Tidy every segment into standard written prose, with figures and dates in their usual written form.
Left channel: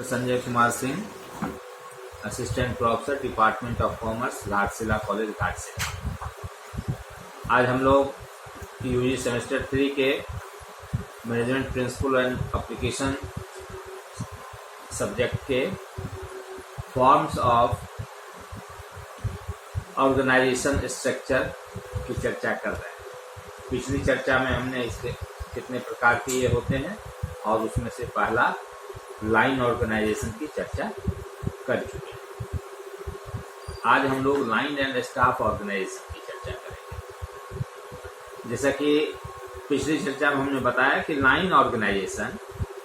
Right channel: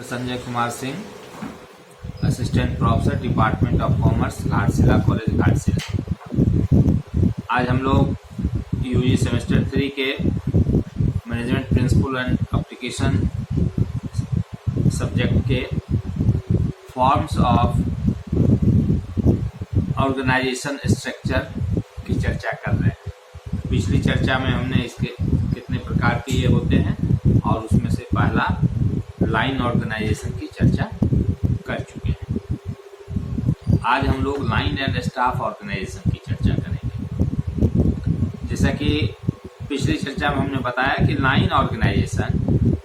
Sanjay Kumar Singh, assistant professor, department of commerce, Ghatshila college, Ghatshila. आज हम लोग यूजी सेमेस्टर 3 के management principle and application subject के फॉर्म्स ऑफ ऑर्गेनाइजेशन स्ट्रक्चर की चर्चा कर रहे हैं। पिछली चर्चा में हमने इसके कितने प्रकार के ये होते हैं और उसमें से पहला लाइन ऑर्गेनाइजेशन की चर्चा कर चुके हैं। आज हम लोग लाइन एंड स्टाफ ऑर्गेनाइजेशन की चर्चा करेंगे। जैसा कि पिछली चर्चा में हमने बताया कि लाइन ऑर्गेनाइजेशन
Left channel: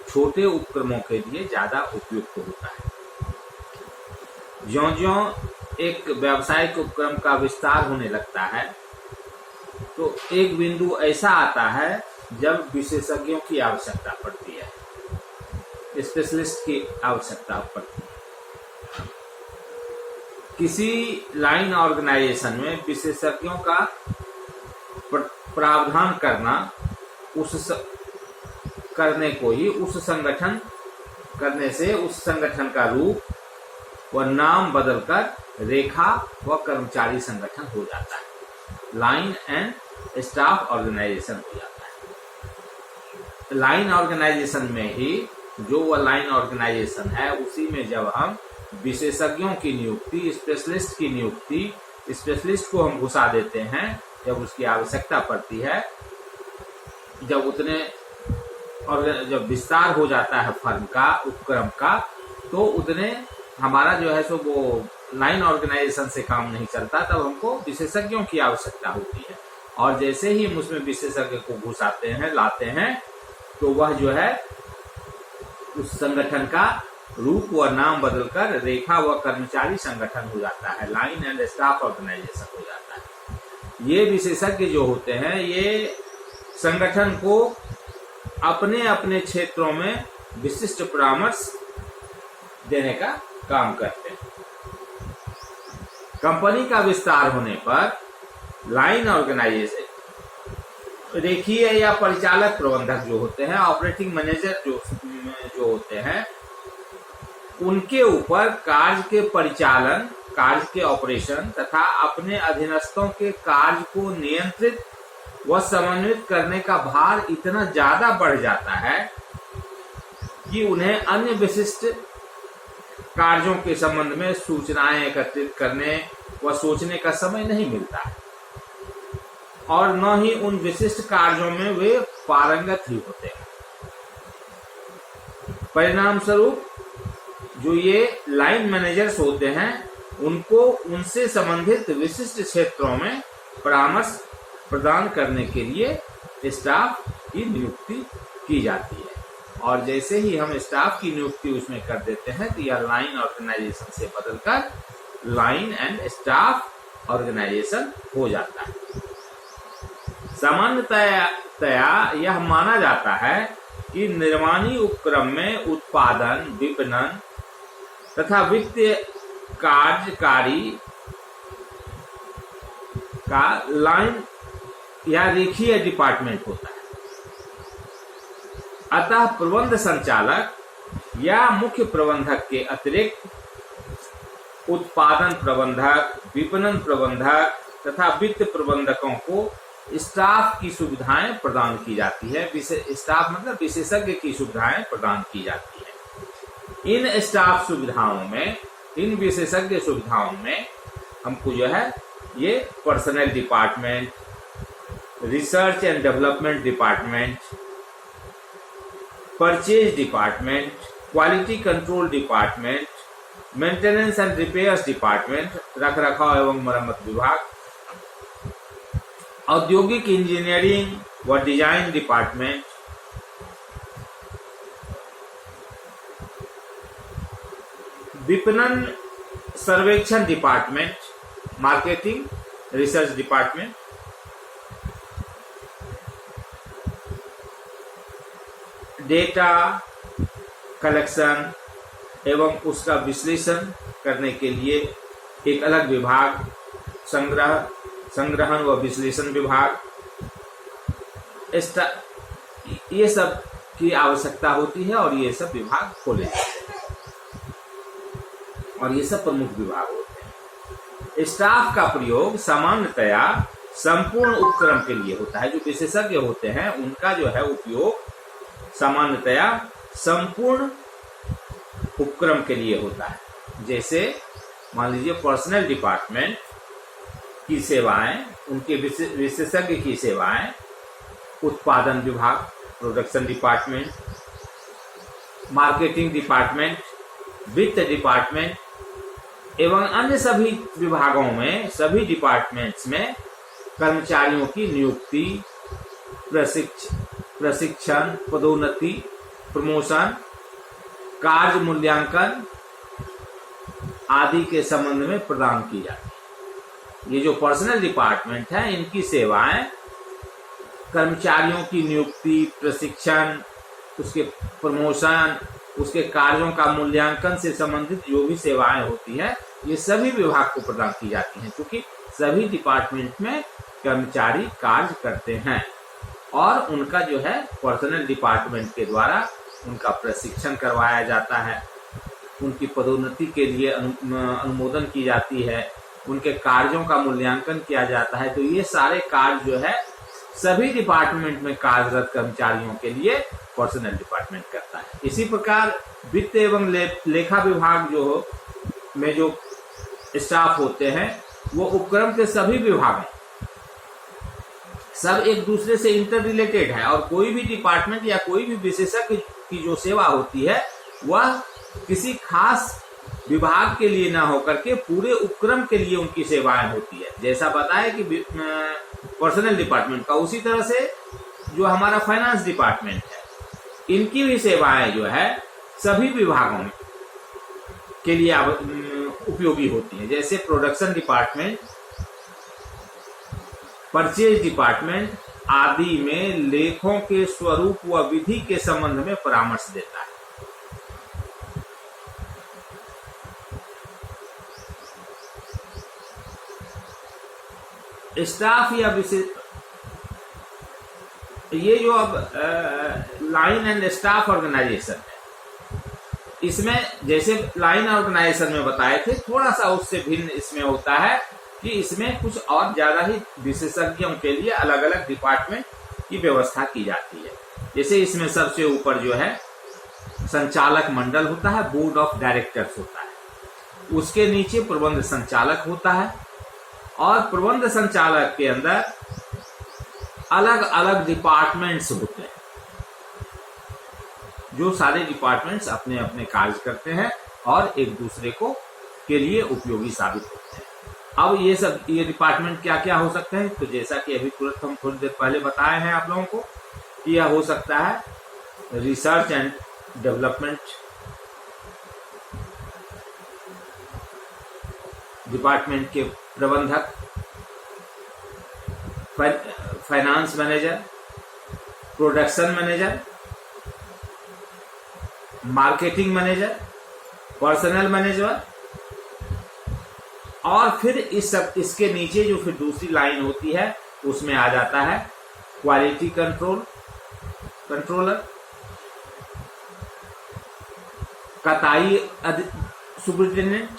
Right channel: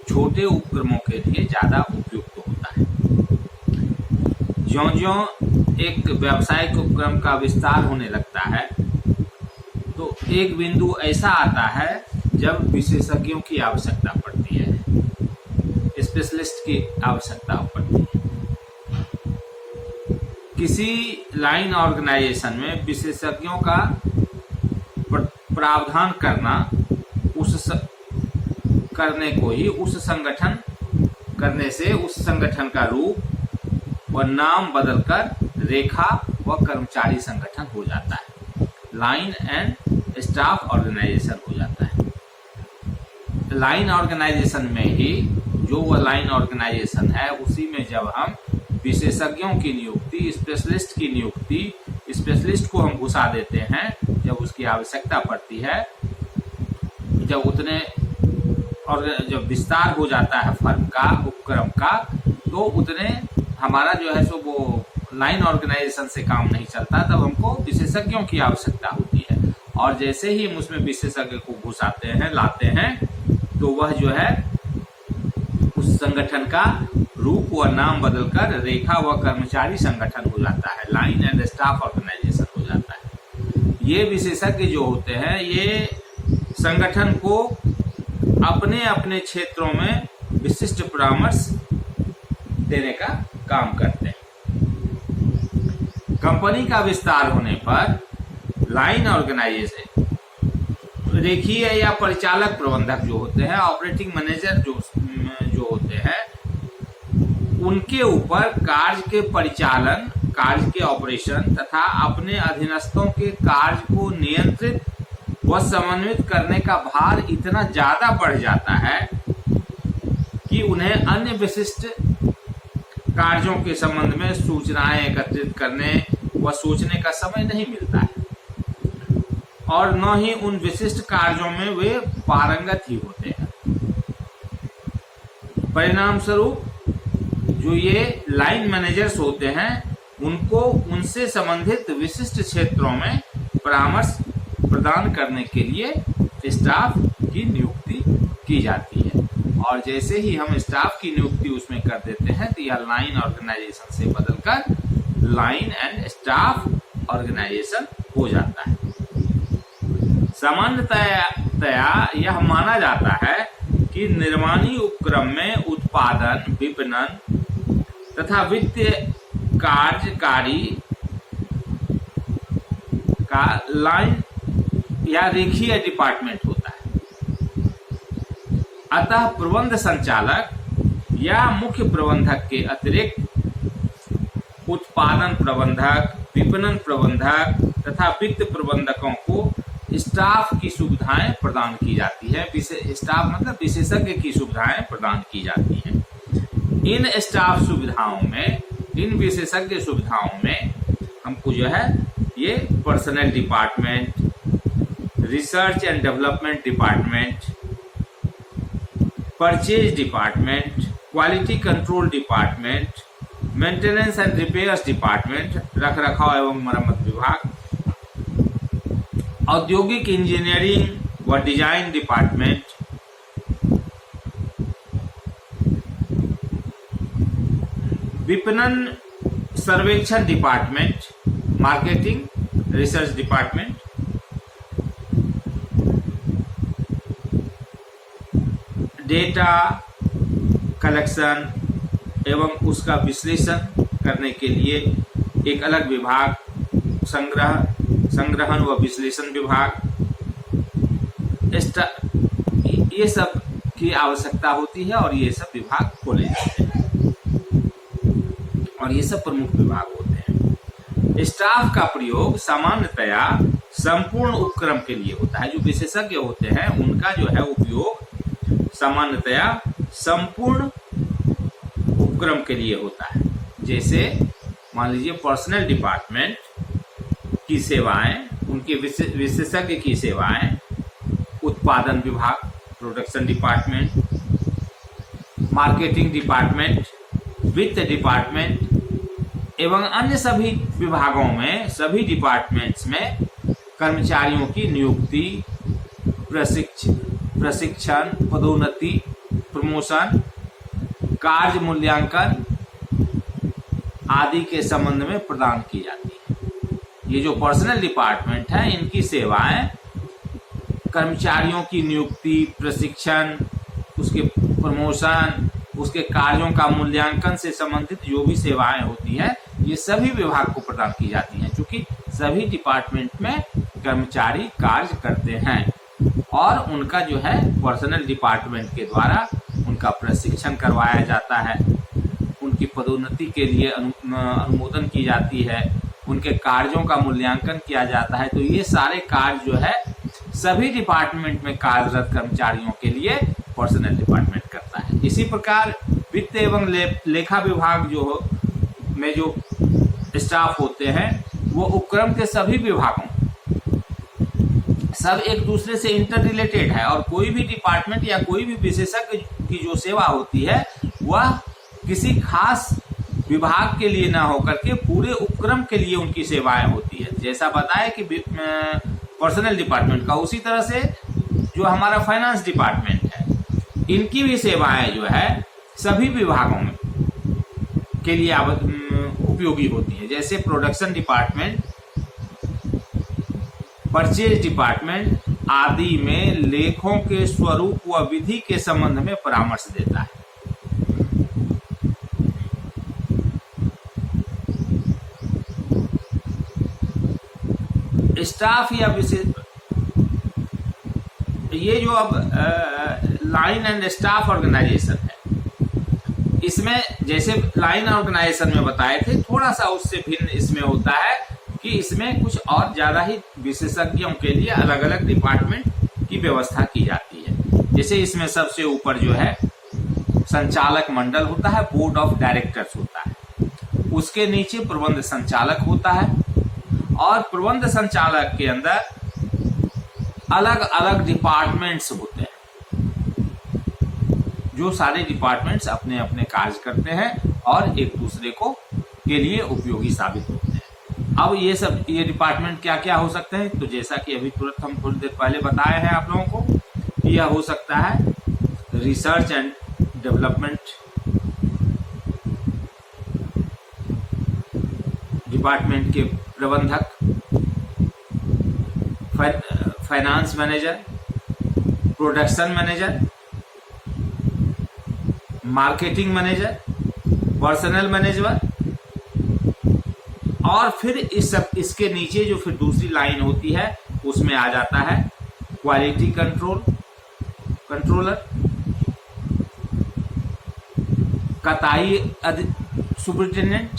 छोटे उपक्रमों के लिए ज़्यादा उपयुक्त होता है। ज्यों-ज्यों एक व्यावसायिक उपक्रम का विस्तार होने लगता है तो एक बिंदु ऐसा आता है जब विशेषज्ञों की आवश्यकता पड़ती है, स्पेशलिस्ट की आवश्यकता पड़ती है। किसी लाइन ऑर्गेनाइजेशन में विशेषज्ञों का प्रावधान करना करने को ही उस संगठन करने से उस संगठन का रूप व नाम बदलकर रेखा व कर्मचारी संगठन हो जाता है, लाइन एंड स्टाफ ऑर्गेनाइजेशन हो जाता है। लाइन ऑर्गेनाइजेशन में ही जो वह लाइन ऑर्गेनाइजेशन है उसी में जब हम विशेषज्ञों की नियुक्ति, स्पेशलिस्ट की नियुक्ति, स्पेशलिस्ट को हम घुसा देते हैं जब उसकी आवश्यकता पड़ती है, जब विस्तार हो जाता है फर्म का, उपक्रम का, तो उतने हमारा जो है सो वो लाइन ऑर्गेनाइजेशन से काम नहीं चलता। तब हमको विशेषज्ञों की आवश्यकता होती है और जैसे ही हम उसमें विशेषज्ञ को घुसाते हैं, लाते हैं, तो वह जो है उस संगठन का रूप व नाम बदलकर रेखा व कर्मचारी संगठन हो जाता है, लाइन एंड स्टाफ ऑर्गेनाइजेशन हो जाता है। ये विशेषज्ञ जो होते हैं ये संगठन को अपने अपने क्षेत्रों में विशिष्ट परामर्श देने का काम करते हैं। कंपनी का विस्तार होने पर लाइन ऑर्गेनाइजेशन रेखीय या परिचालक प्रबंधक जो होते हैं, ऑपरेटिंग मैनेजर जो होते हैं, उनके ऊपर कार्य के परिचालन, कार्य के ऑपरेशन तथा अपने अधीनस्थों के कार्य को नियंत्रित व समन्वित करने का भार इतना ज्यादा बढ़ जाता है कि उन्हें अन्य विशिष्ट कार्यों के संबंध में सूचनाएं एकत्रित करने व सोचने का समय नहीं मिलता है और न ही उन विशिष्ट कार्यों में वे पारंगत ही होते हैं। परिणाम स्वरूप जो ये लाइन मैनेजर्स होते हैं उनको उनसे संबंधित विशिष्ट क्षेत्रों में परामर्श प्रदान करने के लिए स्टाफ की नियुक्ति की जाती है और जैसे ही हम स्टाफ की नियुक्ति उसमें कर देते हैं तो यह लाइन ऑर्गेनाइजेशन से बदलकर लाइन एंड स्टाफ ऑर्गेनाइजेशन हो जाता है। सामान्यतया यह माना जाता है कि निर्माणी उपक्रम में उत्पादन, विपणन तथा वित्तीय कार्यकारी का लाइन या रेखीय डिपार्टमेंट होता है। अतः प्रबंध संचालक या मुख्य प्रबंधक के अतिरिक्त उत्पादन प्रबंधक, विपणन प्रबंधक तथा वित्त प्रबंधकों को स्टाफ की सुविधाएं प्रदान की जाती है। स्टाफ मतलब विशेषज्ञ की सुविधाएं प्रदान की जाती हैं। इन स्टाफ सुविधाओं में, इन विशेषज्ञ सुविधाओं में हमको जो है ये personal department, research and development department, purchase department, quality control department, maintenance and repairs department, रखरखाव एवं मरम्मत विभाग, औद्योगिक इंजीनियरिंग व डिजाइन डिपार्टमेंट, विपणन सर्वेक्षण department, marketing research department, data collection एवं उसका विश्लेषण करने के लिए एक अलग विभाग, संग्रहण व विश्लेषण विभाग, ये सब की आवश्यकता होती है और ये सब विभाग खोले जाते हैं। और ये सब प्रमुख विभाग होते हैं। स्टाफ का प्रयोग सामान्यतया संपूर्ण उपक्रम के लिए होता है। जो विशेषज्ञ होते हैं उनका जो है उपयोग सामान्यतया संपूर्ण उपक्रम के लिए होता है। जैसे मान लीजिए पर्सनल डिपार्टमेंट की सेवाएं, उनके विशेषज्ञ की सेवाएं, उत्पादन विभाग, प्रोडक्शन डिपार्टमेंट, मार्केटिंग डिपार्टमेंट, वित्त डिपार्टमेंट एवं अन्य सभी विभागों में, सभी डिपार्टमेंट्स में कर्मचारियों की नियुक्ति, प्रशिक्षण, पदोन्नति, प्रमोशन, कार्य मूल्यांकन आदि के संबंध में प्रदान की जाती है। ये जो पर्सनल डिपार्टमेंट है, इनकी सेवाएं कर्मचारियों की नियुक्ति, प्रशिक्षण, उसके प्रमोशन, उसके कार्यों का मूल्यांकन से संबंधित जो भी सेवाएं होती हैं, ये सभी विभाग को प्रदान की जाती हैं, क्योंकि सभी डिपार्टमेंट में कर्मचारी कार्य करते हैं और उनका जो है पर्सनल डिपार्टमेंट के द्वारा उनका प्रशिक्षण करवाया जाता है, उनकी पदोन्नति के लिए अनुमोदन की जाती है, उनके कार्यों का मूल्यांकन किया जाता है। तो ये सारे कार्य जो है सभी डिपार्टमेंट में कार्यरत कर्मचारियों के लिए पर्सनल डिपार्टमेंट करता है। इसी प्रकार वित्त एवं लेखा विभाग में जो स्टाफ होते हैं वो उपक्रम के सभी विभागों सब एक दूसरे से इंटर रिलेटेड है और कोई भी डिपार्टमेंट या कोई भी विशेषज्ञ की जो सेवा होती है वह किसी खास विभाग के लिए ना होकर के पूरे उपक्रम के लिए उनकी सेवाएं होती है। जैसा बताया कि पर्सनल डिपार्टमेंट का, उसी तरह से जो हमारा फाइनेंस डिपार्टमेंट है, इनकी भी सेवाएं जो है सभी विभागों में के लिए उपयोगी होती है। जैसे प्रोडक्शन डिपार्टमेंट, परचेज डिपार्टमेंट आदि में लेखों के स्वरूप व विधि के संबंध में परामर्श देता है। स्टाफ या विशेष, ये जो अब लाइन एंड स्टाफ ऑर्गेनाइजेशन है, इसमें जैसे लाइन ऑर्गेनाइजेशन में बताए थे, थोड़ा सा उससे भिन्न इसमें होता है कि इसमें कुछ और ज्यादा ही विशेषज्ञों के लिए अलग अलग डिपार्टमेंट की व्यवस्था की जाती है। जैसे इसमें सबसे ऊपर जो है संचालक मंडल होता है, बोर्ड ऑफ डायरेक्टर्स होता है, उसके नीचे प्रबंध संचालक होता है और प्रबंध संचालक के अंदर अलग अलग डिपार्टमेंट्स होते हैं। जो सारे डिपार्टमेंट्स अपने अपने कार्य करते हैं और एक दूसरे को के लिए उपयोगी साबित होते हैं। अब ये डिपार्टमेंट क्या क्या हो सकते हैं, तो जैसा कि अभी तुरंत हम थोड़ी देर पहले बताए हैं आप लोगों को, यह हो सकता है रिसर्च एंड डेवलपमेंट डिपार्टमेंट के प्रबंधक, finance manager, production manager, marketing manager, personal manager, और फिर इसके नीचे जो फिर दूसरी लाइन होती है उसमें आ जाता है क्वालिटी कंट्रोलर, कताई सुपरिटेंडेंट,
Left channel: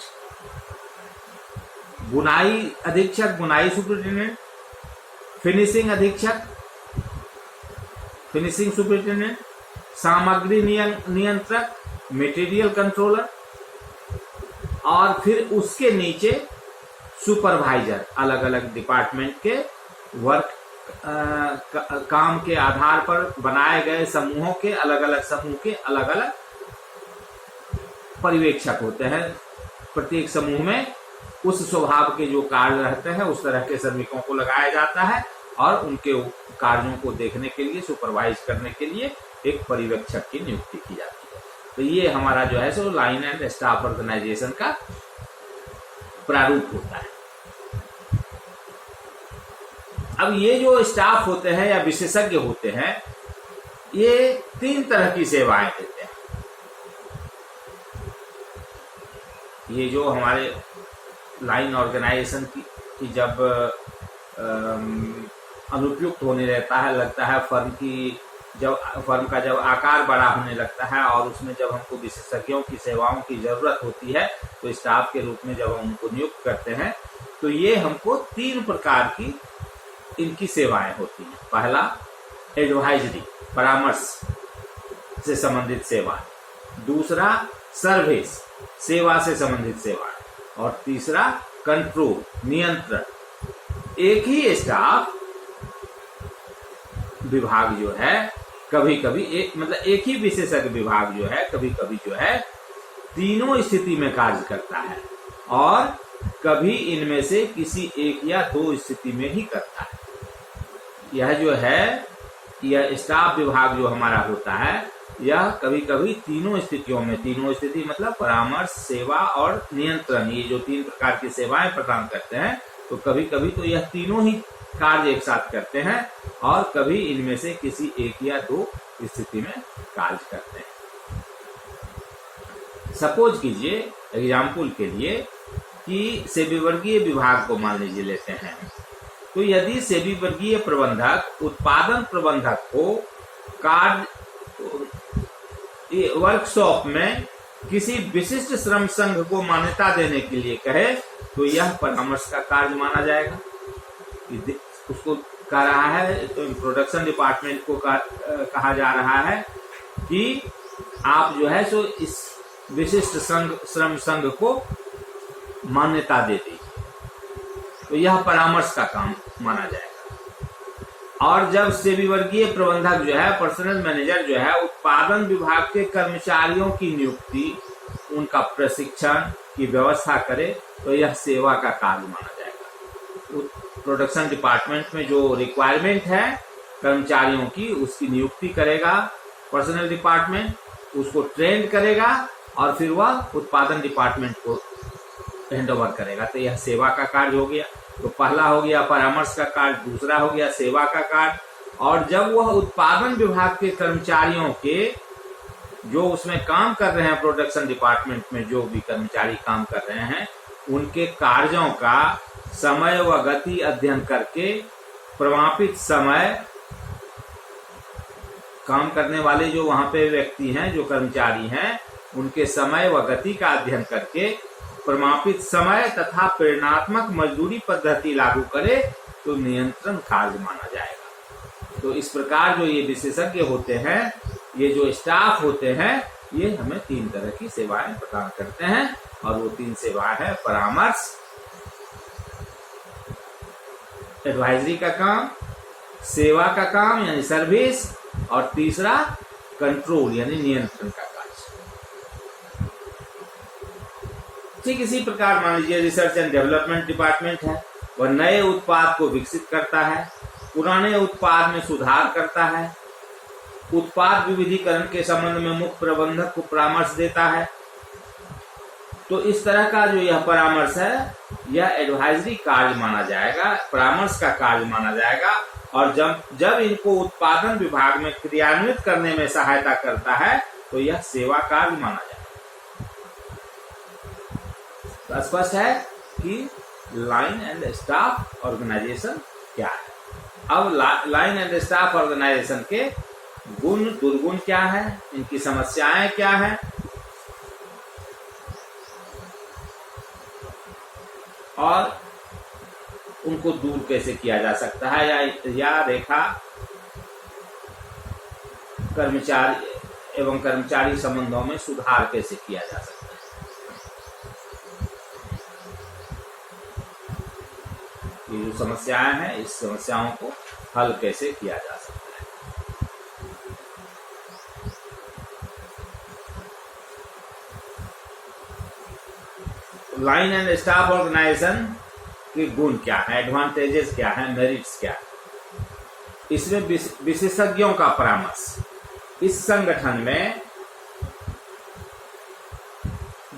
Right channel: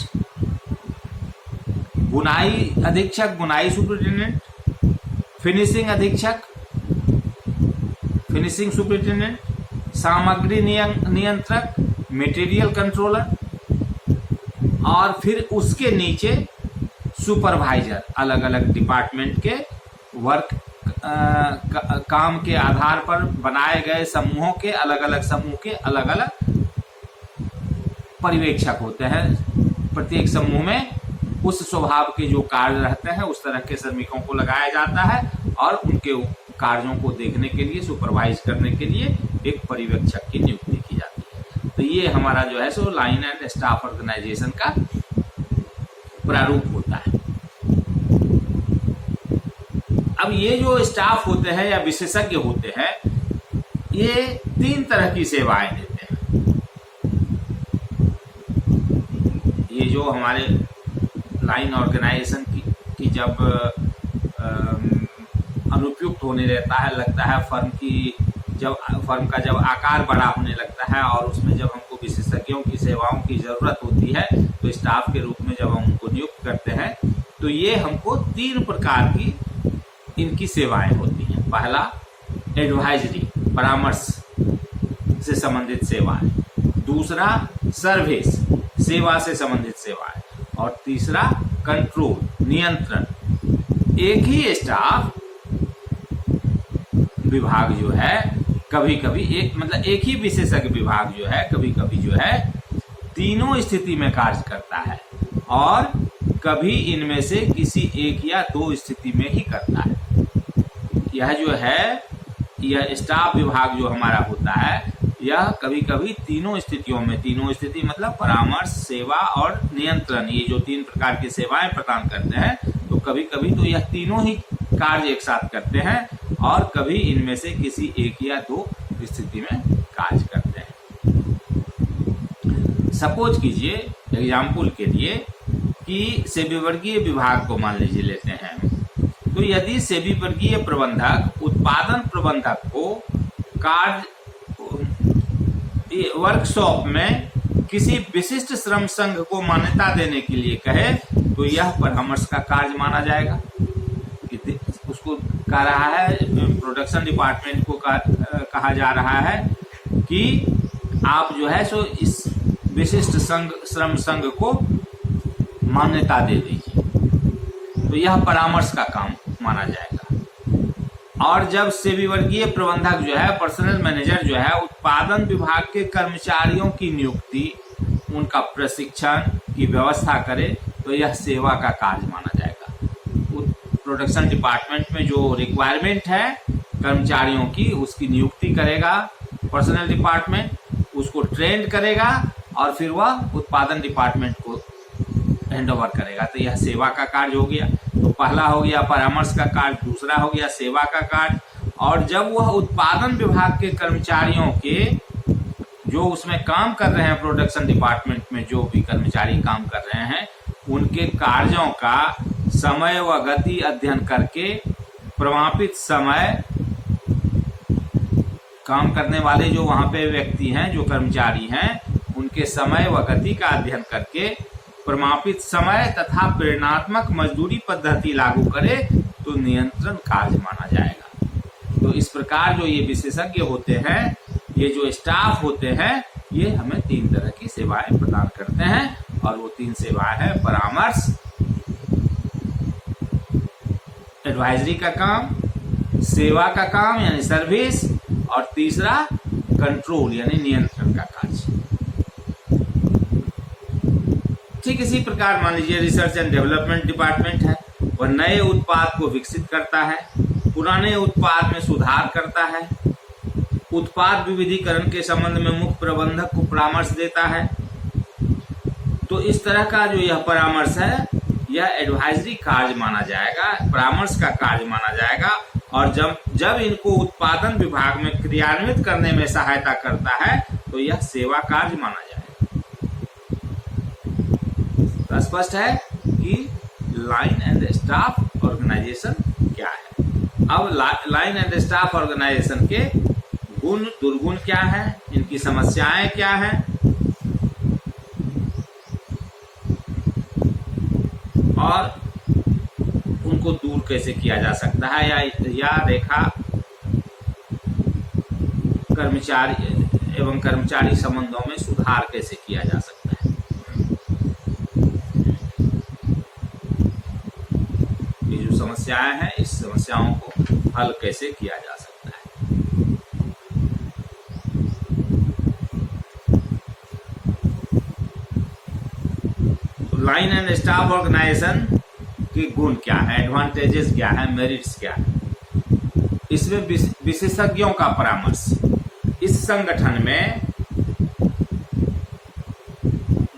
बुनाई अधीक्षक, बुनाई सुपरिटेंडेंट, फिनिशिंग अधीक्षक, फिनिशिंग सुपरिटेंडेंट, सामग्री नियंत्रक, मटेरियल कंट्रोलर, और फिर उसके नीचे सुपरवाइजर, अलग अलग डिपार्टमेंट के वर्क काम के आधार पर बनाए गए समूहों के अलग अलग समूह के अलग अलग पर्यवेक्षक होते हैं। प्रत्येक समूह में उस स्वभाव के जो कार्य रहते हैं उस तरह के श्रमिकों को लगाया जाता है और उनके कार्यों को देखने के लिए, सुपरवाइज करने के लिए एक पर्यवेक्षक की नियुक्ति की जाती है। तो ये हमारा जो है सो लाइन एंड स्टाफ ऑर्गेनाइजेशन का प्रारूप होता है। अब ये जो स्टाफ होते हैं या विशेषज्ञ होते हैं, ये तीन तरह की सेवाएं देते हैं। ये जो हमारे लाइन ऑर्गेनाइजेशन की जब अनुपयुक्त होने रहता है, लगता है फर्म की, जब फर्म का जब आकार बड़ा होने लगता है और उसमें जब हमको विशेषज्ञों की सेवाओं की जरूरत होती है तो स्टाफ के रूप में जब हम उनको नियुक्त करते हैं तो ये हमको 3 प्रकार की इनकी सेवाएं होती हैं। पहला एडवाइजरी, परामर्श से संबंधित सेवाएं, दूसरा सर्विस, सेवा से संबंधित सेवाएं, और तीसरा कंट्रोल, नियंत्रण। एक ही स्टाफ विभाग जो है कभी कभी एक ही विशेषज्ञ विभाग जो है कभी कभी जो है तीनों स्थिति में कार्य करता है और कभी इनमें से किसी एक या 2 स्थिति में ही करता है। यह जो है यह स्टाफ विभाग जो हमारा होता है यह कभी कभी तीनों स्थितियों में, तीनों स्थिति मतलब परामर्श, सेवा और नियंत्रण, ये जो 3 प्रकार की सेवाएं प्रदान करते हैं तो कभी कभी तो यह तीनों ही कार्य एक साथ करते हैं और कभी इनमें से किसी एक या 2 स्थिति में कार्य करते हैं। सपोज कीजिए एग्जाम्पल के लिए कि सेबी वर्गीय विभाग को मान लीजिए लेते हैं, तो यदि सेबी वर्गीय प्रबंधक उत्पादन प्रबंधक को कार्य वर्कशॉप में किसी विशिष्ट श्रम संघ को मान्यता देने के लिए कहे तो यह परामर्श का कार्य माना जाएगा। उसको कह रहा है, प्रोडक्शन डिपार्टमेंट को कहा जा रहा है कि आप जो है सो इस विशिष्ट श्रम संघ को मान्यता दे दीजिए, तो यह परामर्श का काम माना जाएगा। और जब सेबी वर्गीय प्रबंधक जो है, पर्सनल मैनेजर जो है, उत्पादन विभाग के कर्मचारियों की नियुक्ति, उनका प्रशिक्षण की व्यवस्था करे तो यह सेवा का कार्य माना जाएगा। प्रोडक्शन डिपार्टमेंट में जो रिक्वायरमेंट है कर्मचारियों की, उसकी नियुक्ति करेगा पर्सनल डिपार्टमेंट, उसको ट्रेन करेगा और फिर वह उत्पादन डिपार्टमेंट को हैंडओवर करेगा, तो यह सेवा का कार्य हो गया। तो पहला हो गया परामर्श का कार्य, दूसरा हो गया सेवा का कार्य। और जब वह उत्पादन विभाग के कर्मचारियों के जो उसमें काम कर रहे हैं, प्रोडक्शन डिपार्टमेंट में जो भी कर्मचारी काम कर रहे हैं, उनके कार्यों का समय व गति अध्ययन करके प्रमापित समय, काम करने वाले जो वहां पे व्यक्ति हैं, जो कर्मचारी हैं, उनके समय व गति का अध्ययन करके प्रमापित समय तथा प्रेरणात्मक मजदूरी पद्धति लागू करे तो नियंत्रण कार्य माना जाएगा। तो इस प्रकार जो ये विशेषज्ञ होते हैं, ये जो स्टाफ होते हैं, ये हमें 3 तरह की सेवाएं प्रदान करते हैं और वो 3 सेवाएं हैं परामर्श, एडवाइजरी का काम, सेवा का काम यानी सर्विस, और तीसरा कंट्रोल यानी नियंत्रण का कार्य। ठीक इसी प्रकार मान लीजिए रिसर्च एंड डेवलपमेंट डिपार्टमेंट है, वह नए उत्पाद को विकसित करता है, पुराने उत्पाद में सुधार करता है, उत्पाद विविधीकरण के संबंध में मुख्य प्रबंधक को परामर्श देता है। तो इस तरह का जो यह परामर्श है, यह एडवाइजरी कार्य माना जाएगा, परामर्श का कार्य माना जाएगा। और जब इनको उत्पादन विभाग में क्रियान्वित करने में सहायता करता है तो यह सेवा कार्य माना जाएगा। तो स्पष्ट है कि लाइन एंड स्टाफ ऑर्गेनाइजेशन क्या है। अब लाइन एंड स्टाफ ऑर्गेनाइजेशन के गुण दुर्गुण क्या है, इनकी समस्याएं क्या हैं, और उनको दूर कैसे किया जा सकता है, या रेखा कर्मचारी एवं कर्मचारी संबंधों में सुधार कैसे किया जा सकता है। ये जो समस्याएं हैं, इस समस्याओं को हल कैसे किया जा सकता है। लाइन एंड स्टाफ ऑर्गेनाइजेशन के गुण क्या है, एडवांटेजेस क्या है, मेरिट्स क्या है। इसमें विशेषज्ञों का परामर्श, इस संगठन में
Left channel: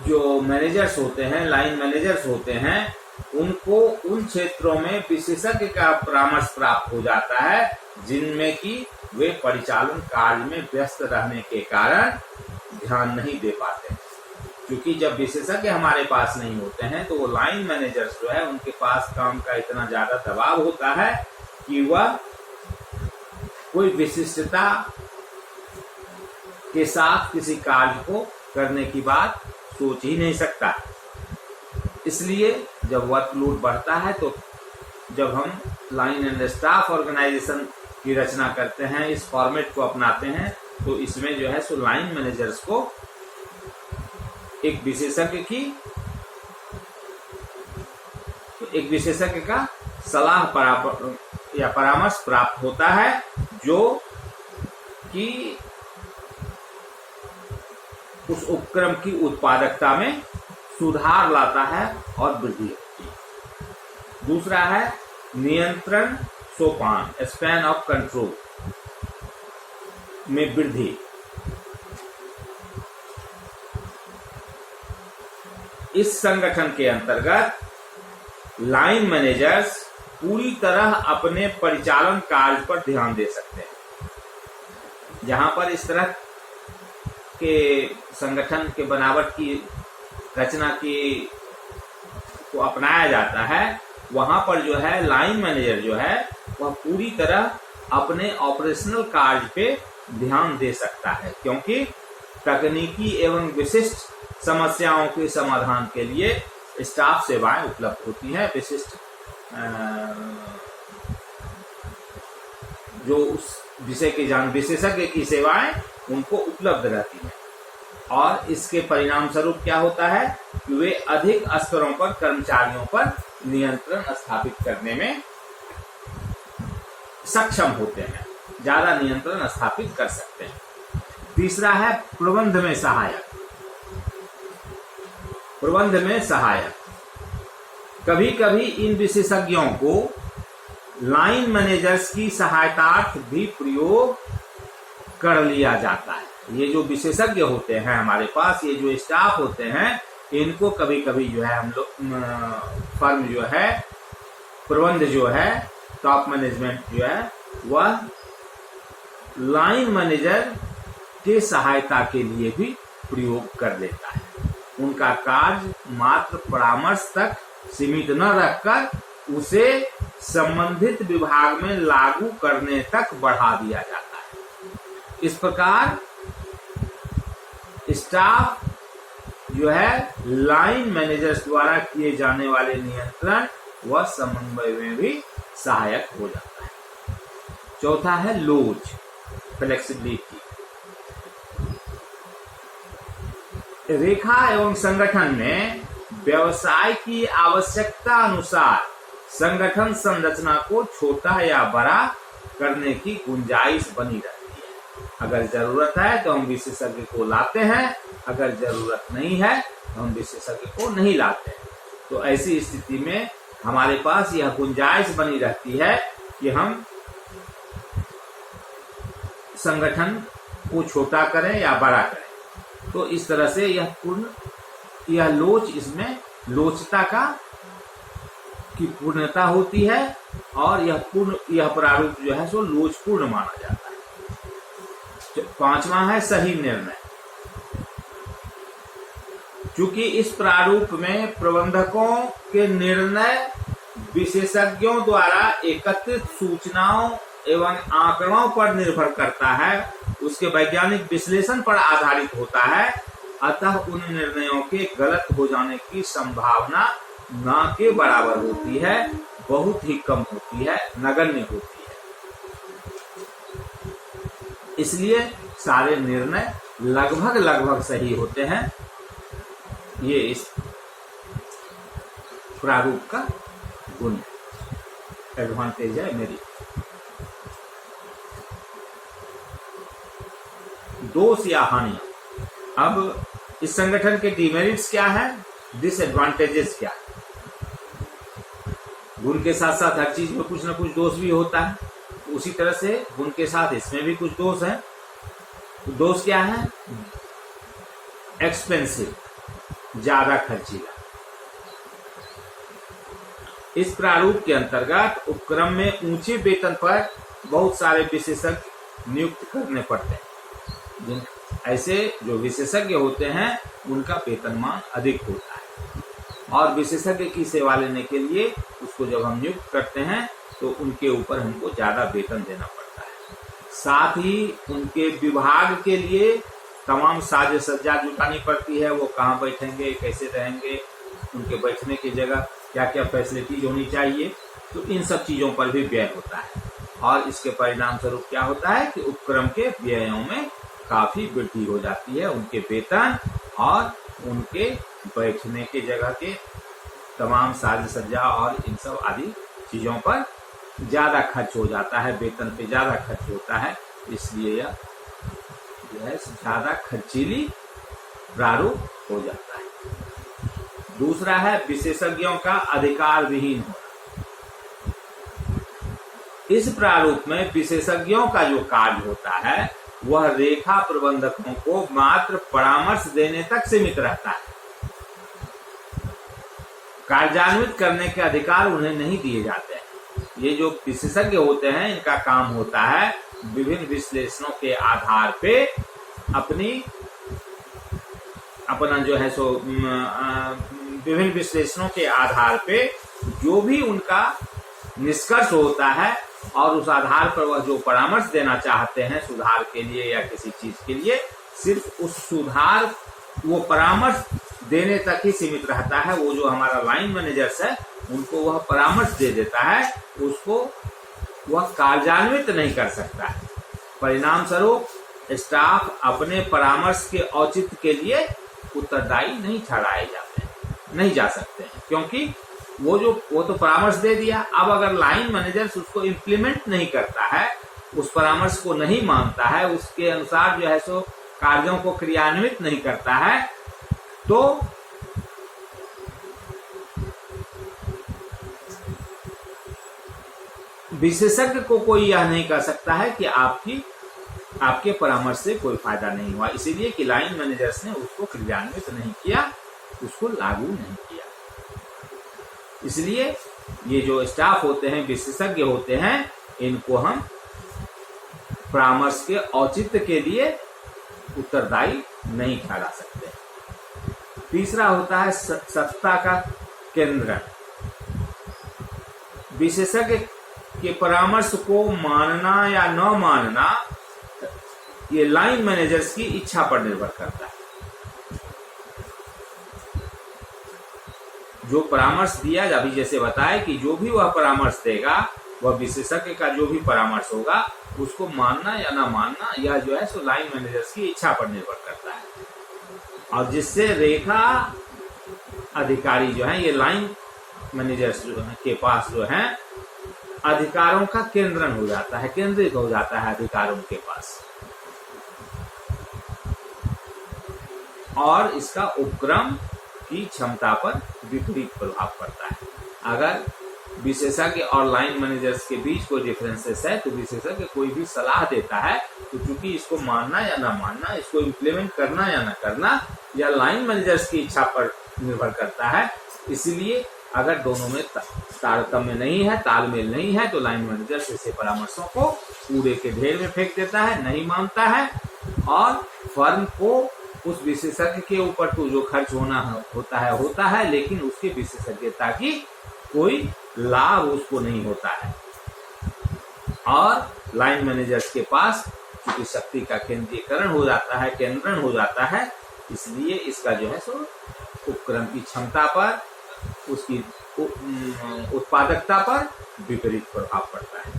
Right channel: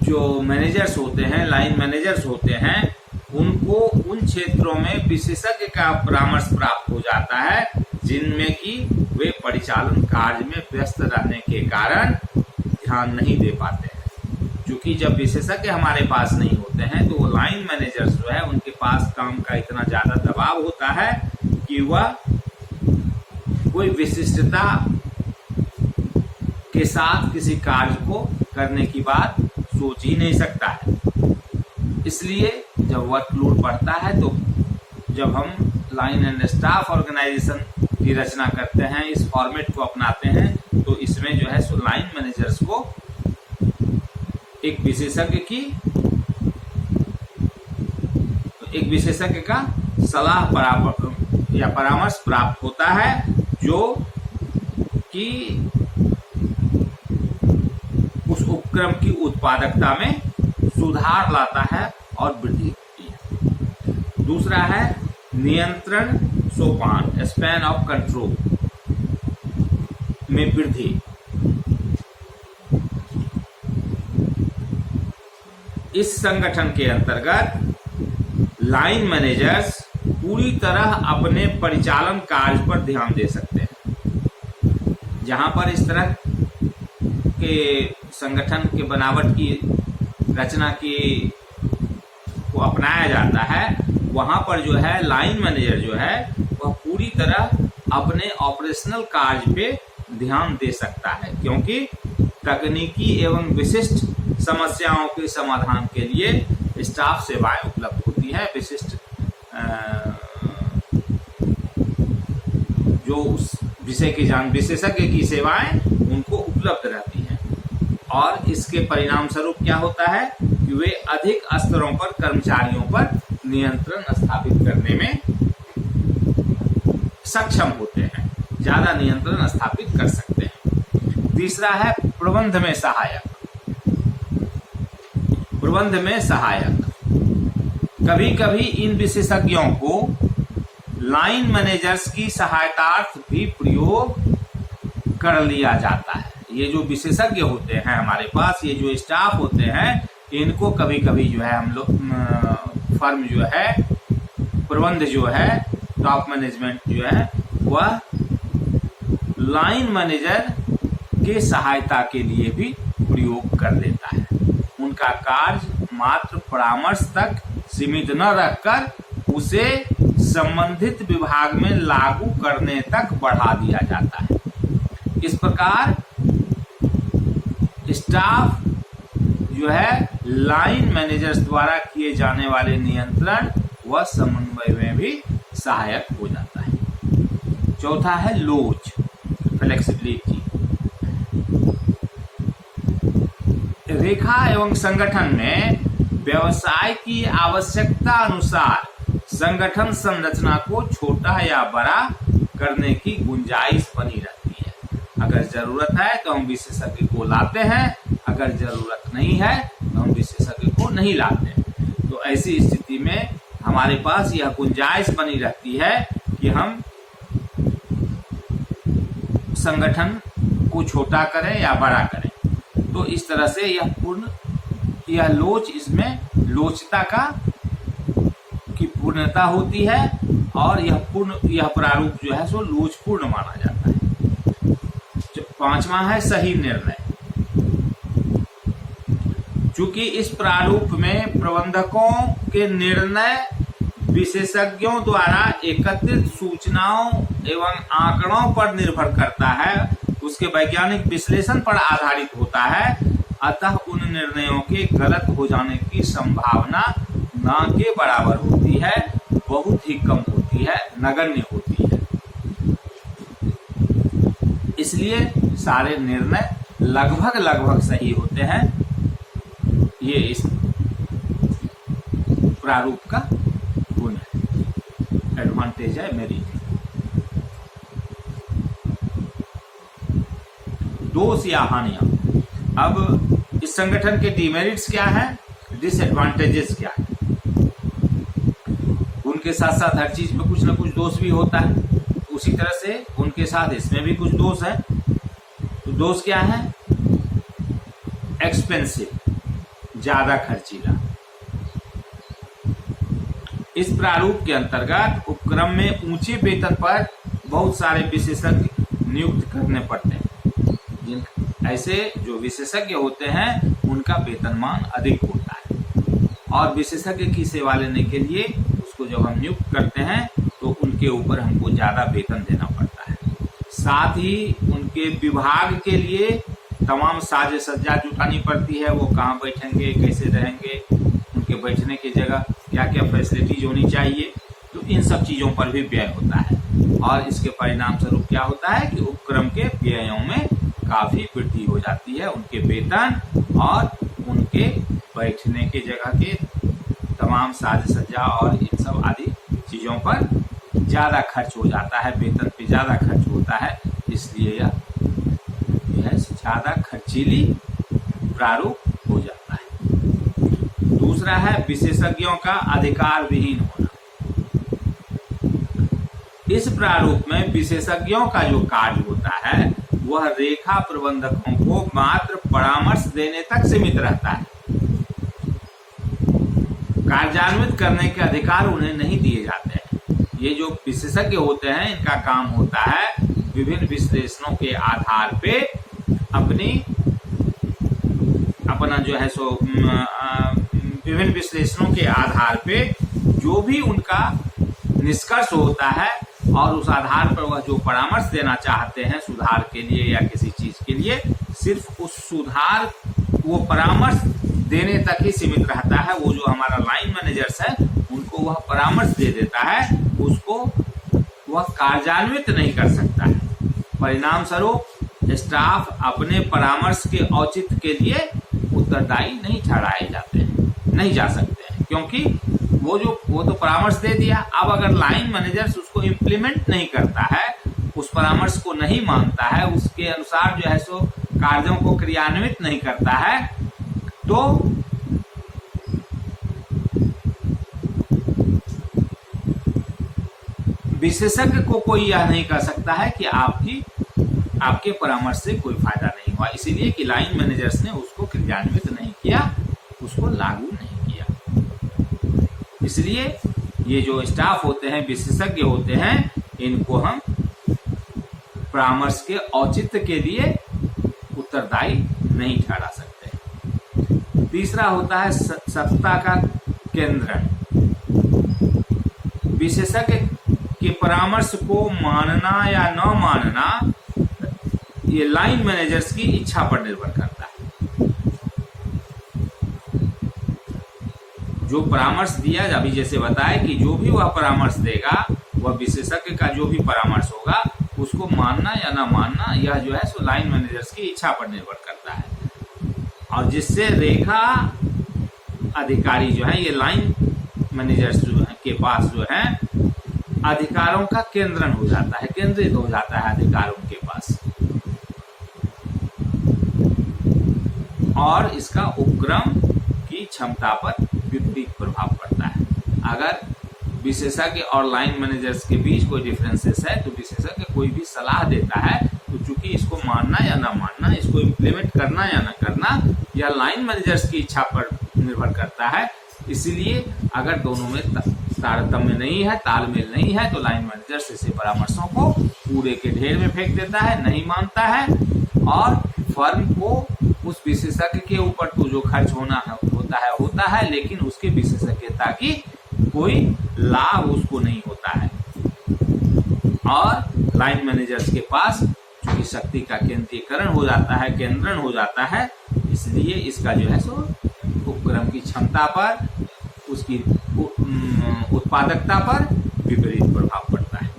जो मैनेजर्स होते हैं, लाइन मैनेजर्स होते हैं, उनको उन क्षेत्रों में विशेषज्ञ का परामर्श प्राप्त हो जाता है जिनमें कि वे परिचालन कार्य में व्यस्त रहने के कारण ध्यान नहीं दे पाते। क्योंकि जब विशेषज्ञ हमारे पास नहीं होते हैं तो वो लाइन मैनेजर्स जो है, उनके पास काम का इतना ज्यादा दबाव होता है कि वह कोई विशिष्टता के साथ किसी कार्य को करने की बात सोच ही नहीं सकता है। इसलिए जब वर्कलोड बढ़ता है तो जब हम लाइन एंड स्टाफ ऑर्गेनाइजेशन की रचना करते हैं, इस फॉर्मेट को अपनाते हैं, तो इसमें जो है सो लाइन मैनेजर्स को एक विशेषज्ञ का सलाह या परामर्श प्राप्त होता है, जो कि उस उपक्रम की उत्पादकता में सुधार लाता है और वृद्धि होती है। दूसरा है नियंत्रण सोपान, स्पैन ऑफ कंट्रोल में वृद्धि। इस संगठन के अंतर्गत लाइन मैनेजर्स पूरी तरह अपने परिचालन कार्य पर ध्यान दे सकते हैं। जहां पर इस तरह के संगठन के बनावट की रचना को अपनाया जाता है, वहां पर जो है लाइन मैनेजर जो है वह पूरी तरह अपने ऑपरेशनल कार्य पे ध्यान दे सकता है, क्योंकि तकनीकी एवं विशिष्ट समस्याओं के समाधान के लिए स्टाफ सेवाएं उपलब्ध होती है। विशिष्ट जो उस विषय की विशेषज्ञ की सेवाएं उनको उपलब्ध रहती हैं, और इसके परिणाम स्वरूप क्या होता है कि वे अधिक स्तरों पर कर्मचारियों पर नियंत्रण स्थापित करने में सक्षम होते हैं, ज्यादा नियंत्रण स्थापित कर सकते हैं। तीसरा है प्रबंध में सहायक। प्रबंध में सहायक, कभी कभी इन विशेषज्ञों को लाइन मैनेजर्स की सहायतार्थ भी प्रयोग कर लिया जाता है। ये जो विशेषज्ञ होते हैं हमारे पास, ये जो स्टाफ होते हैं, इनको कभी कभी जो है हम लोग फर्म जो है, प्रबंध जो है, टॉप मैनेजमेंट जो है, वह लाइन मैनेजर के सहायता के लिए भी प्रयोग कर देता है। उनका कार्य मात्र परामर्श तक सीमित न रखकर उसे संबंधित विभाग में लागू करने तक बढ़ा दिया जाता है। इस प्रकार स्टाफ जो है लाइन मैनेजर्स द्वारा किए जाने वाले नियंत्रण व समन्वय में भी सहायक हो जाता है। चौथा है लोच, फ्लेक्सिबिलिटी। रेखा एवं संगठन में व्यवसाय की आवश्यकता अनुसार संगठन संरचना को छोटा या बड़ा करने की गुंजाइश बनी रहती है। अगर जरूरत है तो हम विशेषज्ञ को लाते हैं, अगर जरूरत नहीं है तो हम विशेषज्ञ को नहीं लाते हैं। तो ऐसी स्थिति में हमारे पास यह गुंजाइश बनी रहती है कि हम संगठन को छोटा करें या बड़ा करें। तो इस तरह से यह लोच, इसमें लोचता की पूर्णता होती है, और यह प्रारूप जो है सो लोचपूर्ण माना जाता है। पांचवा है सही निर्णय। चूंकि इस प्रारूप में प्रबंधकों के निर्णय विशेषज्ञों द्वारा एकत्रित सूचनाओं एवं आंकड़ों पर निर्भर करता है, उसके वैज्ञानिक विश्लेषण पर आधारित होता है, अतः उन निर्णयों के गलत हो जाने की संभावना ना के बराबर होती है, बहुत ही कम होती है, नगण्य होती है। इसलिए सारे निर्णय लगभग सही होते हैं। ये इस प्रारूप का गुण है, एडवांटेज है मेरी। दोष या हानियां। अब इस संगठन के डिमेरिट्स क्या है, डिसएडवांटेजेस क्या है। गुण के साथ साथ हर चीज में कुछ ना कुछ दोष भी होता है, उसी तरह से उनके साथ इसमें भी कुछ दोष है। तो दोष क्या है, एक्सपेंसिव, ज्यादा खर्चीला। इस प्रारूप के अंतर्गत उपक्रम में ऊंचे वेतन पर बहुत सारे विशेषज्ञ नियुक्त करने पड़ते हैं। ऐसे जो विशेषज्ञ होते हैं उनका वेतनमान अधिक होता है, और विशेषज्ञ की सेवा लेने के लिए उसको जब हम नियुक्त करते हैं तो उनके ऊपर हमको ज्यादा वेतन देना पड़ता है। साथ ही उनके विभाग के लिए तमाम साज सज्जा जुटानी पड़ती है, वो कहाँ बैठेंगे, कैसे रहेंगे, उनके बैठने की जगह क्या क्या फैसिलिटीज होनी चाहिए, तो इन सब चीज़ों पर भी व्यय होता है। और इसके परिणाम स्वरूप क्या होता है कि उपक्रम के व्ययों में काफ़ी वृद्धि हो जाती है, उनके वेतन और उनके बैठने की जगह के तमाम साज सज्जा और इन सब आदि चीज़ों पर ज़्यादा खर्च हो जाता है, वेतन पे ज़्यादा खर्च होता है, इसलिए यह ज़्यादा खर्चीली प्रारूप हो जाता है। दूसरा है विशेषज्ञों का अधिकार विहीन होना। इस प्रारूप में विशेषज्ञों का जो कार्य होता है वह रेखा प्रबंधकों को मात्र परामर्श देने तक सीमित रहता है। कार्यान्वित करने के अधिकार उन्हें नहीं दिए जाते हैं। ये जो विशेषज्ञ होते हैं इनका काम होता है विभिन्न विश्लेषणों के आधार पे अपना जो है सो विभिन्न विश्लेषणों के आधार पे जो भी उनका निष्कर्ष होता है और उस आधार पर वह जो परामर्श देना चाहते हैं सुधार के लिए या किसी चीज के लिए, सिर्फ उस सुधार वो परामर्श देने तक ही सीमित रहता है। वो जो हमारा लाइन मैनेजर्स है उनको वह परामर्श दे देता है, उसको वह कार्यान्वित नहीं कर सकता है। परिणाम स्वरूप स्टाफ अपने परामर्श के औचित्य के लिए उत्तरदायी नहीं ठहराए जाते हैं, नहीं जा सकते हैं, क्योंकि वो तो परामर्श दे दिया। अब अगर लाइन मैनेजर्स उसको इम्प्लीमेंट नहीं करता है, उस परामर्श को नहीं मानता है, उसके अनुसार जो है सो कार्यों को क्रियान्वित नहीं करता है, तो विशेषज्ञ को कोई यह नहीं कह सकता है कि आपके परामर्श से कोई फायदा नहीं हुआ, इसीलिए कि लाइन मैनेजर्स ने उसको क्रियान्वित नहीं किया, उसको लागू नहीं किया। इसलिए ये जो स्टाफ होते हैं, विशेषज्ञ होते हैं, इनको हम परामर्श के औचित्य के लिए उत्तरदायी नहीं ठहरा सकते। तीसरा होता है सत्ता का केंद्रण। विशेषज्ञ के परामर्श को मानना या न मानना ये लाइन मैनेजर्स की इच्छा पर निर्भर करता है। जो परामर्श दिया, अभी जैसे बताया कि जो भी वह परामर्श देगा, वह विशेषज्ञ का जो भी परामर्श होगा उसको मानना या ना मानना, यह जो है सो लाइन मैनेजर्स की इच्छा पर निर्भर करता है। और जिससे रेखा अधिकारी जो है, ये लाइन मैनेजर्स जो है के पास जो है अधिकारों का केंद्रण हो जाता है, केंद्रित हो जाता है अधिकार उनके पास, और इसका उपक्रम की क्षमता पर विपरीत प्रभाव पड़ता है। अगर विशेषज्ञ और लाइन मैनेजर्स के बीच कोई डिफरेंसेस है, तो विशेषज्ञ कोई भी सलाह देता है तो चूंकि इसको मानना या ना मानना, इसको इम्प्लीमेंट करना या ना करना, यह लाइन मैनेजर्स की इच्छा पर निर्भर करता है। इसलिए अगर दोनों में तारतम्य नहीं है, तालमेल नहीं है, तो लाइन मैनेजर्स ऐसे परामर्शों को कूड़े के ढेर में फेंक देता है, नहीं मानता है, और फर्म को उस विशेषज्ञ के ऊपर तो जो खर्च होता है, लेकिन उसकी विशेषज्ञता की कोई लाभ उसको नहीं होता है। और लाइन मैनेजर्स के पास चूंकि शक्ति का केंद्रीकरण हो जाता है, केंद्रण हो जाता है, इसलिए इसका जो है सो उपक्रम की क्षमता पर, उसकी उत्पादकता पर विपरीत प्रभाव पड़ता है।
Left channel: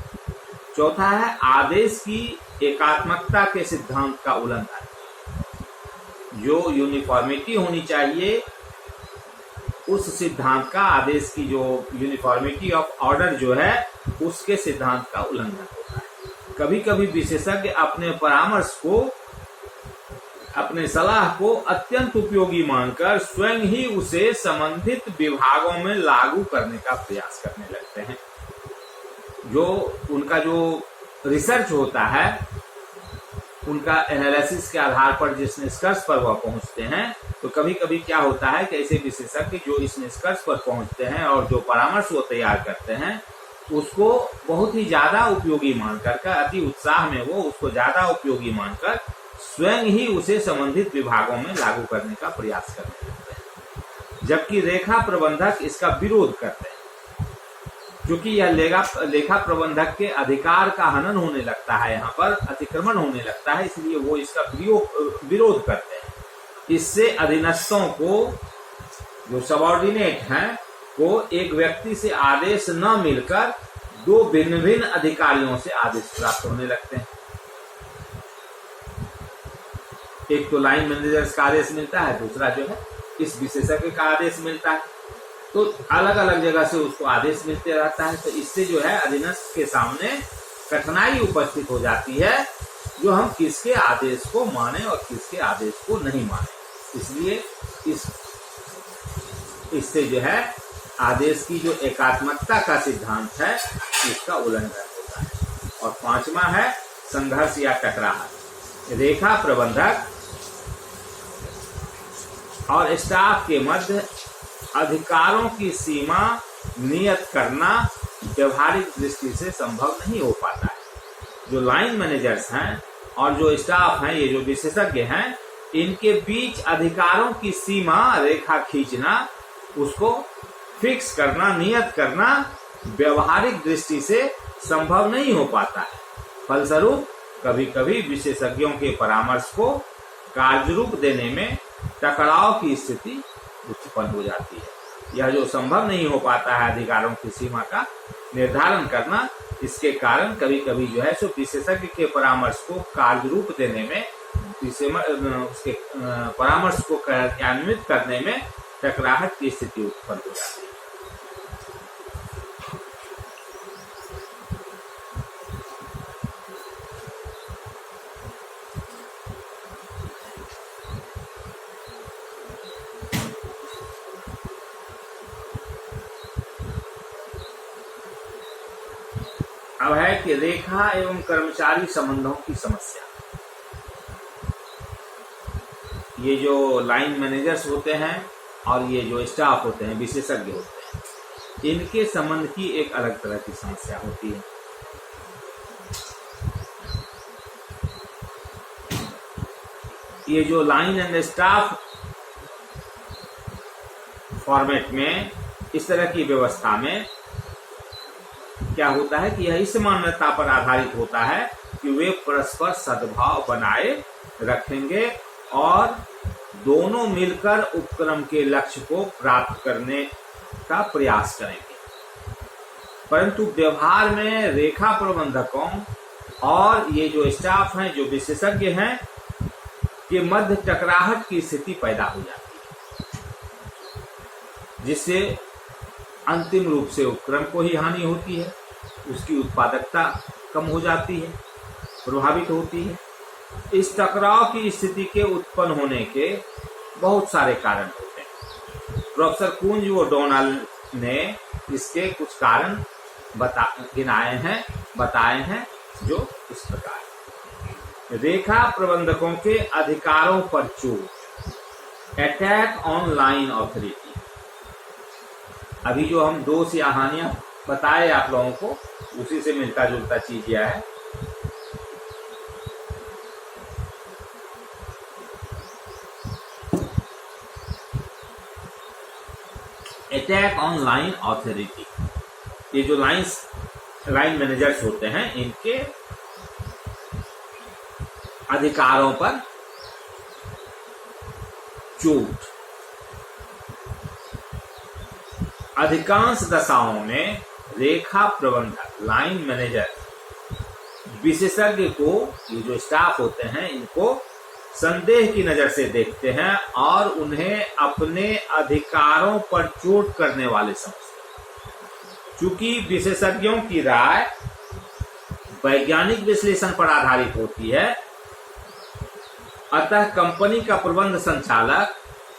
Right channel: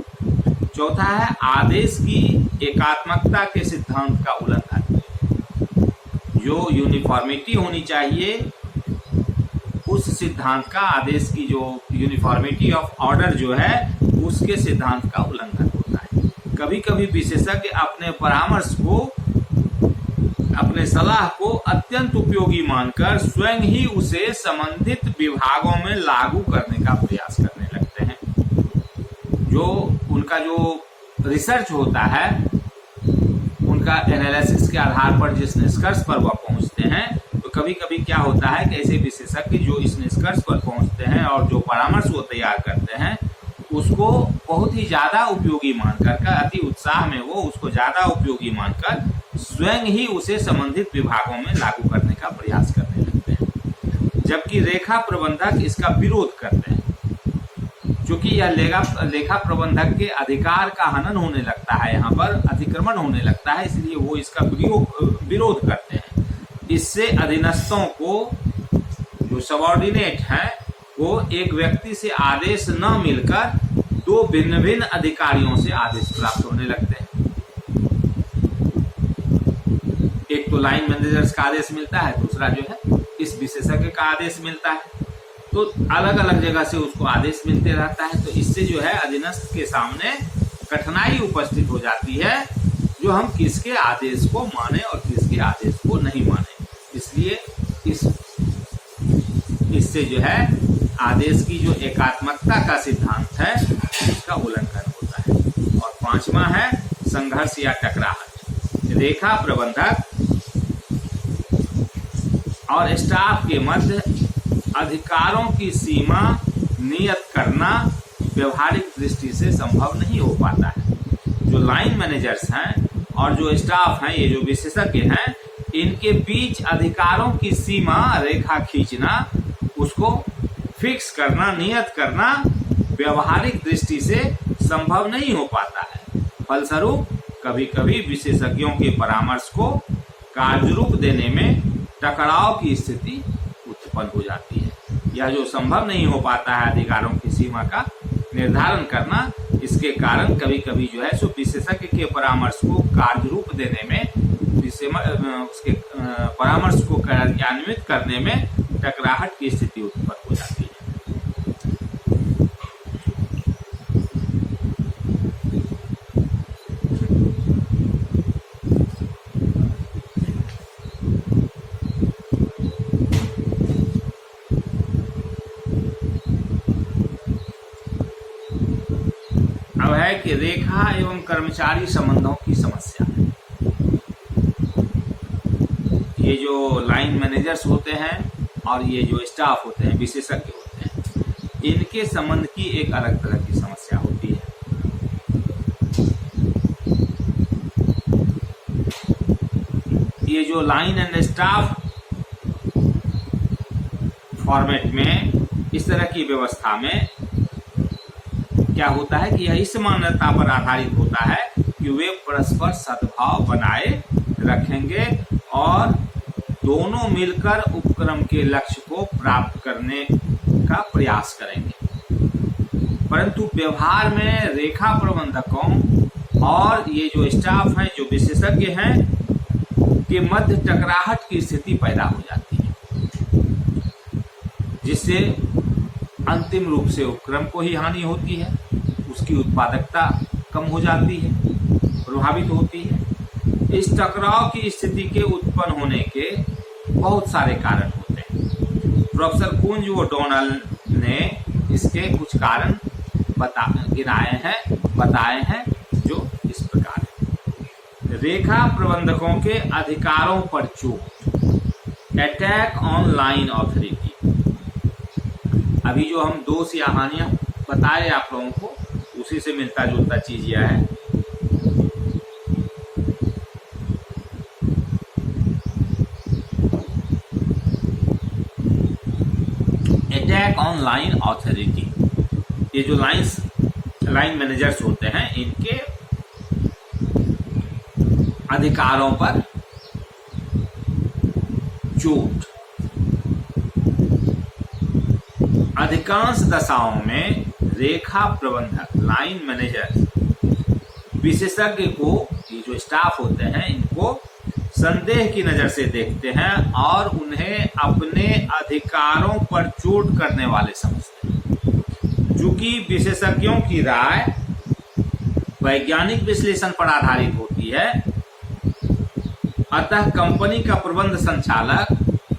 चौथा है आदेश की एकात्मकता के सिद्धांत का उल्लंघन। जो यूनिफॉर्मिटी होनी चाहिए, उस सिद्धांत का, आदेश की जो यूनिफॉर्मिटी ऑफ ऑर्डर जो है, उसके सिद्धांत का उल्लंघन होता है। कभी कभी विशेषज्ञ अपने परामर्श को, अपने सलाह को अत्यंत उपयोगी मानकर स्वयं ही उसे संबंधित विभागों में लागू करने का प्रयास करने लगते हैं। जो उनका जो रिसर्च होता है, उनका एनालिसिस के आधार पर जिस निष्कर्ष पर वह पहुंचते हैं, तो कभी कभी क्या होता है कि ऐसे विशेषज्ञ जो इस निष्कर्ष पर पहुंचते हैं और जो परामर्श वो तैयार करते हैं, उसको बहुत ही ज्यादा उपयोगी मानकर, अति उत्साह में वो उसको ज्यादा उपयोगी मानकर स्वयं ही उसे संबंधित विभागों में लागू करने का प्रयास करने लगते हैं, जबकि रेखा प्रबंधक इसका विरोध करते हैं। क्योंकि यह लेखा प्रबंधक के अधिकार का हनन होने लगता है, यहाँ पर अतिक्रमण होने लगता है, इसलिए वो इसका विरोध करते हैं। इससे अधीनस्थों को, जो सबऑर्डिनेट हैं, को एक व्यक्ति से आदेश न मिलकर दो भिन्न भिन्न अधिकारियों से आदेश प्राप्त होने लगते हैं। एक तो लाइन मैनेजर्स का आदेश मिलता है, दूसरा जो है इस विशेषज्ञ का आदेश मिलता है, तो अलग अलग जगह से उसको आदेश मिलते रहता है। तो इससे जो है अधीनस्थ के सामने कठिनाई उपस्थित हो जाती है, जो हम किसके आदेश को माने और किसके आदेश को नहीं माने। इसलिए इससे जो है आदेश की जो एकात्मकता का सिद्धांत है उसका उल्लंघन होता है। और पांचवा है संघर्ष या टकराव। रेखा प्रबंधक और स्टाफ के मध्य अधिकारों की सीमा नियत करना व्यवहारिक दृष्टि से संभव नहीं हो पाता है। जो लाइन मैनेजर्स हैं और जो स्टाफ हैं, ये जो विशेषज्ञ हैं, इनके बीच अधिकारों की सीमा रेखा खींचना, उसको फिक्स करना, नियत करना व्यवहारिक दृष्टि से संभव नहीं हो पाता है। फलस्वरूप कभी कभी विशेषज्ञों के परामर्श को कार्यरूप देने में टकराव की स्थिति उत्पन्न हो जाती है। यह जो संभव नहीं हो पाता है अधिकारों की सीमा का निर्धारण करना, इसके कारण कभी कभी जो है सो विशेषज्ञ के परामर्श को कार्यरूप देने में, उसके परामर्श को कार्यान्वित करने में टकराहट की स्थिति उत्पन्न हो जाती है। अब है कि रेखा एवं कर्मचारी संबंधों की समस्या। ये जो लाइन मैनेजर्स होते हैं और ये जो स्टाफ होते हैं, विशेषज्ञ होते हैं, इनके संबंध की एक अलग तरह की समस्या होती है। ये जो लाइन एंड स्टाफ फॉर्मेट में, इस तरह की व्यवस्था में क्या होता है कि यह इस मान्यता पर आधारित होता है कि वे परस्पर सद्भाव बनाए रखेंगे और दोनों मिलकर उपक्रम के लक्ष्य को प्राप्त करने का प्रयास करेंगे। परंतु व्यवहार में रेखा प्रबंधकों और ये जो स्टाफ हैं, जो विशेषज्ञ हैं, के मध्य टकराहट की स्थिति पैदा हो जाती है, जिससे अंतिम रूप से उपक्रम को ही हानि होती है, उसकी उत्पादकता कम हो जाती है, प्रभावित होती है। इस टकराव की स्थिति के उत्पन्न होने के बहुत सारे कारण होते हैं। प्रोफेसर कुंज व डोनाल्ड ने इसके कुछ कारण बताए हैं, जो इस प्रकार: रेखा प्रबंधकों के अधिकारों पर चोट, अटैक ऑन लाइन ऑथोरिटी। अभी जो हम दोष या हानियां बताए आप लोगों को, उसी से मिलता जुलता चीज यह है। Attack on line authority. ये जो लाइन मैनेजर्स होते हैं, इनके अधिकारों पर चोट। अधिकांश दशाओं में रेखा प्रबंधक, लाइन मैनेजर विशेषज्ञ को, ये जो स्टाफ होते हैं, इनको संदेह की नजर से देखते हैं और उन्हें अपने अधिकारों पर चोट करने वाले समझते हैं। चूंकि विशेषज्ञों की राय वैज्ञानिक विश्लेषण पर आधारित होती है, अतः कंपनी का प्रबंध संचालक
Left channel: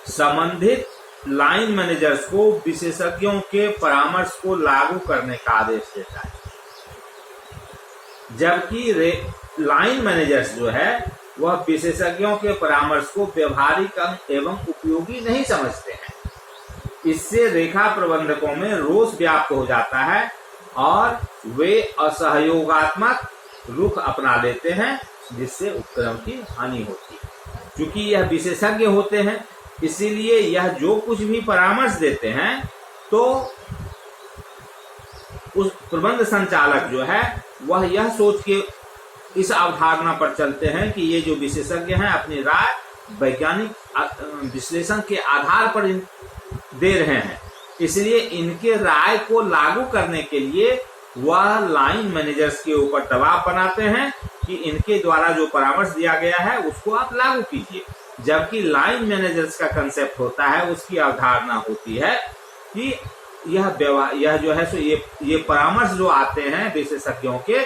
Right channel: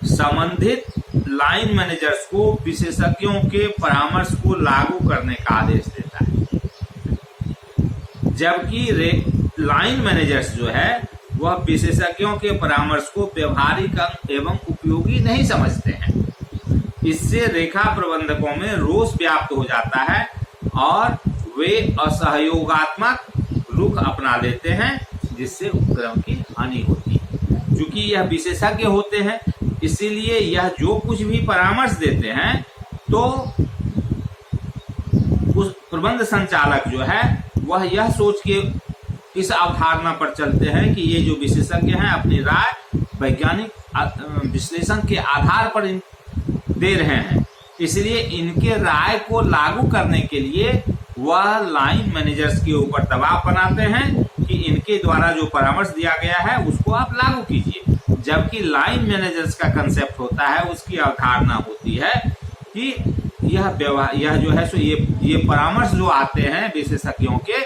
संबंधित लाइन मैनेजर्स को विशेषज्ञों के परामर्श को लागू करने का आदेश देता है, जबकि लाइन मैनेजर्स जो है वह विशेषज्ञों के परामर्श को व्यवहारिक एवं उपयोगी नहीं समझते हैं। इससे रेखा प्रबंधकों में रोष व्याप्त हो जाता है और वे असहयोगात्मक रुख अपना लेते हैं, जिससे उपक्रम की हानि होती है। क्योंकि यह विशेषज्ञ होते हैं, इसीलिए यह जो कुछ भी परामर्श देते हैं, तो उस प्रबंध संचालक जो है वह यह सोच के इस अवधारणा पर चलते हैं कि ये जो विशेषज्ञ हैं अपनी राय वैज्ञानिक विश्लेषण के आधार पर दे रहे हैं, इसलिए इनके राय को लागू करने के लिए वह लाइन मैनेजर्स के ऊपर दबाव बनाते हैं कि इनके द्वारा जो परामर्श दिया गया है उसको आप लागू कीजिए। जबकि लाइन मैनेजर्स का कंसेप्ट होता है, उसकी अवधारणा होती है कि यह जो है सो ये परामर्श जो आते हैं विशेषज्ञों के,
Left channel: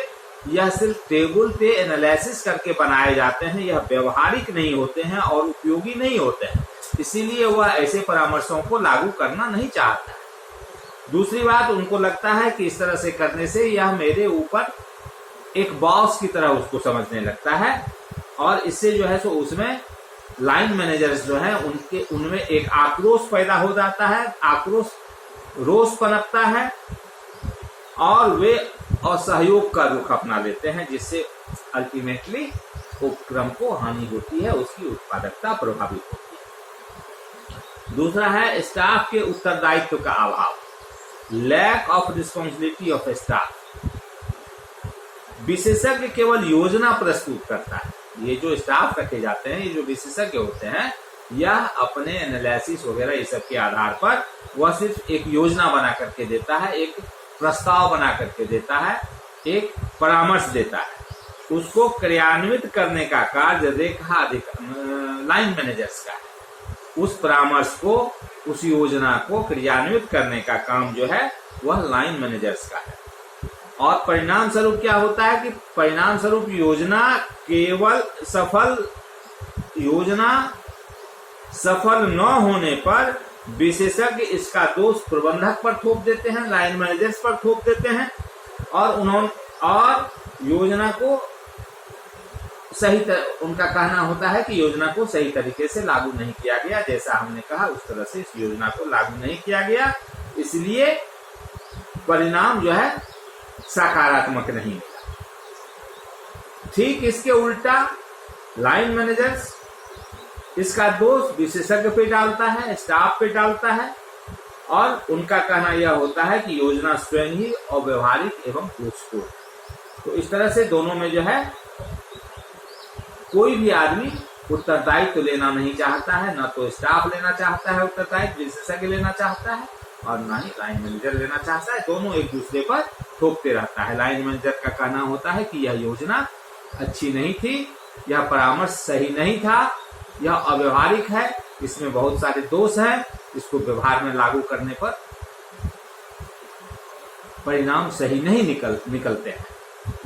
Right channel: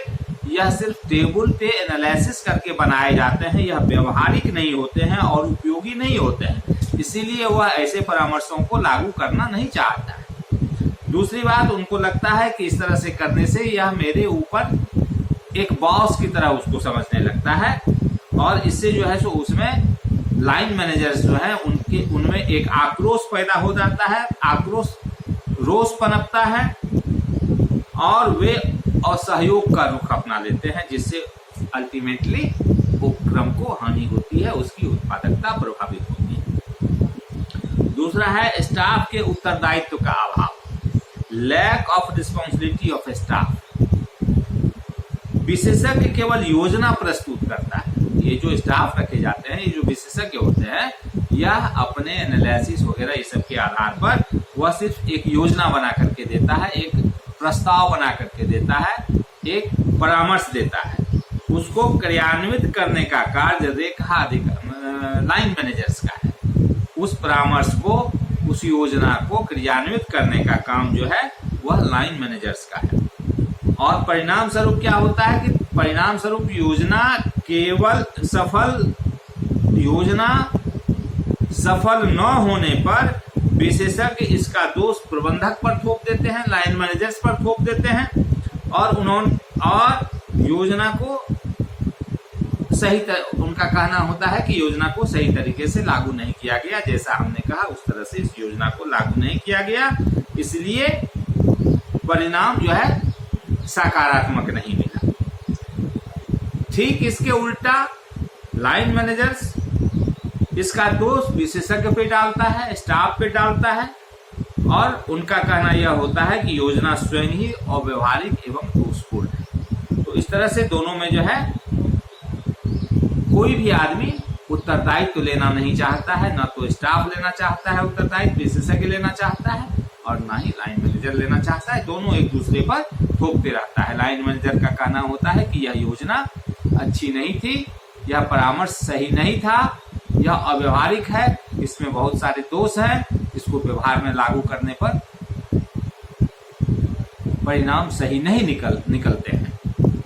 यह सिर्फ टेबल पे एनालिसिस करके बनाए जाते हैं, यह व्यवहारिक नहीं होते हैं और उपयोगी नहीं होते हैं, इसीलिए वह ऐसे परामर्शों को लागू करना नहीं चाहता है। दूसरी बात, उनको लगता है कि इस तरह से करने से यह मेरे ऊपर एक बॉस की तरह उसको समझने लगता है और इससे जो है सो उसमें लाइन मैनेजर्स जो है उनमें एक आक्रोश पैदा हो जाता है, रोष पनपता है और वे असहयोग का रुख अपना लेते हैं, जिससे अल्टीमेटली उपक्रम को हानि होती है, उसकी उत्पादकता प्रभावित होती है। दूसरा है स्टाफ के उत्तरदायित्व का अभाव, lack of responsibility of staff. विशेषज्ञ केवल योजना प्रस्तुत करता है, ये जो स्टाफ रखे जाते हैं, ये जो विशेषज्ञ होते हैं, यह अपने एनालिसिस वगैरह इस सब के आधार पर वह सिर्फ एक योजना बना करके देता है, एक प्रस्ताव बना करके देता है, एक परामर्श देता है। उसको क्रियान्वित करने का कार्य लाइन मैनेजर्स का है। उस परामर्श को, उस योजना को क्रियान्वित करने का काम जो है वह लाइन मैनेजर्स का है। और परिणाम स्वरूप क्या होता है कि परिणाम स्वरूप योजना सफल न होने पर विशेषज्ञ इसका दोष प्रबंधक पर थोप देते हैं, लाइन मैनेजर्स पर थोप देते हैं और योजना को उनका कहना होता है कि योजना को सही तरीके से लागू नहीं किया गया, जैसा हमने कहा उस तरह से इस योजना को लागू नहीं किया गया, इसलिए परिणाम जो है सकारात्मक नहीं मिला। ठीक इसके उल्टा लाइन मैनेजर्स इसका दोष विशेषज्ञ पे डालता है, स्टाफ पे डालता है और उनका कहना यह होता है कि योजना स्वयं ही अव्यवहारिक एवं दोषपूर्ण है। तो इस तरह से दोनों में जो है कोई भी आदमी उत्तरदायित्व लेना नहीं चाहता है, न तो स्टाफ लेना चाहता है उत्तरदायित्व, विशेषज्ञ लेना चाहता है और ना ही लाइन मैनेजर लेना चाहता है। दोनों एक दूसरे पर थोपते रहता है। लाइन मैनेजर का कहना होता है कि यह योजना अच्छी नहीं थी, यह परामर्श सही नहीं था, यह अव्यवहारिक है, इसमें बहुत सारे दोष हैं, इसको व्यवहार में लागू करने पर परिणाम सही नहीं निकलते हैं।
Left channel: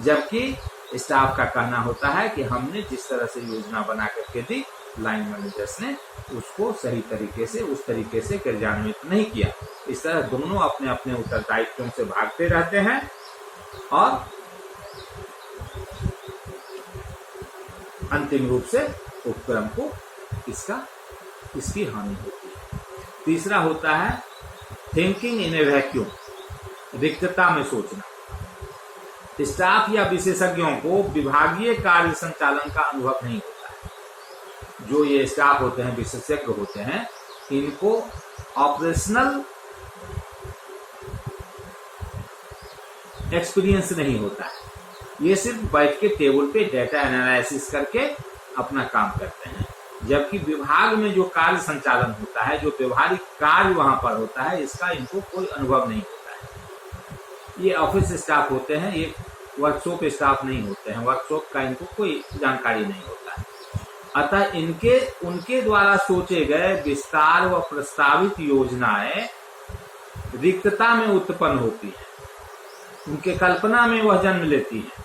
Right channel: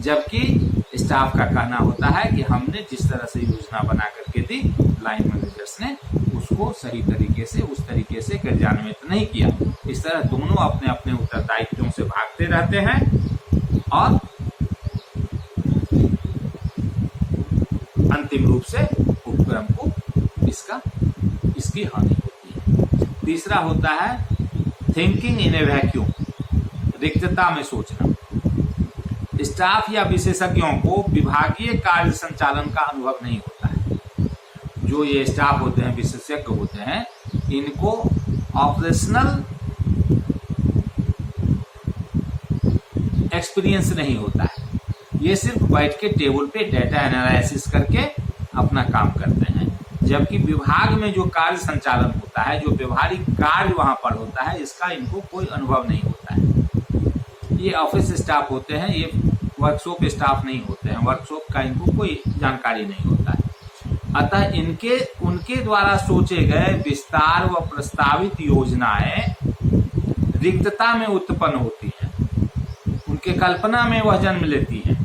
जबकि स्टाफ का कहना होता है कि हमने जिस तरह से योजना बना करके दी, लाइन मैनेजर्स ने उसको सही तरीके से उस तरीके से क्रियान्वित नहीं किया। इस तरह दोनों अपने अपने उत्तरदायित्वों से भागते रहते हैं और अंतिम रूप से उपक्रम को इसकी हानि होती है। तीसरा होता है थिंकिंग इन ए वैक्यूम, रिक्तता में सोचना। स्टाफ या विशेषज्ञों को विभागीय कार्य संचालन का अनुभव नहीं होता है। जो ये स्टाफ होते हैं, विशेषज्ञ होते हैं, इनको ऑपरेशनल एक्सपीरियंस नहीं होता है। ये सिर्फ बैठ के टेबल पे डेटा एनालिसिस करके अपना काम करते हैं। जबकि विभाग में जो कार्य संचालन होता है, जो व्यवहारिक कार्य वहां पर होता है, इसका इनको कोई अनुभव नहीं होता है। ये ऑफिस स्टाफ होते हैं, ये वर्कशॉप स्टाफ नहीं होते हैं, वर्कशॉप का इनको कोई जानकारी नहीं होता है। अतः उनके द्वारा सोचे गए विस्तार व प्रस्तावित योजनाएं रिक्तता में उत्पन्न होती हैं, उनके कल्पना में वह जन्म लेती हैं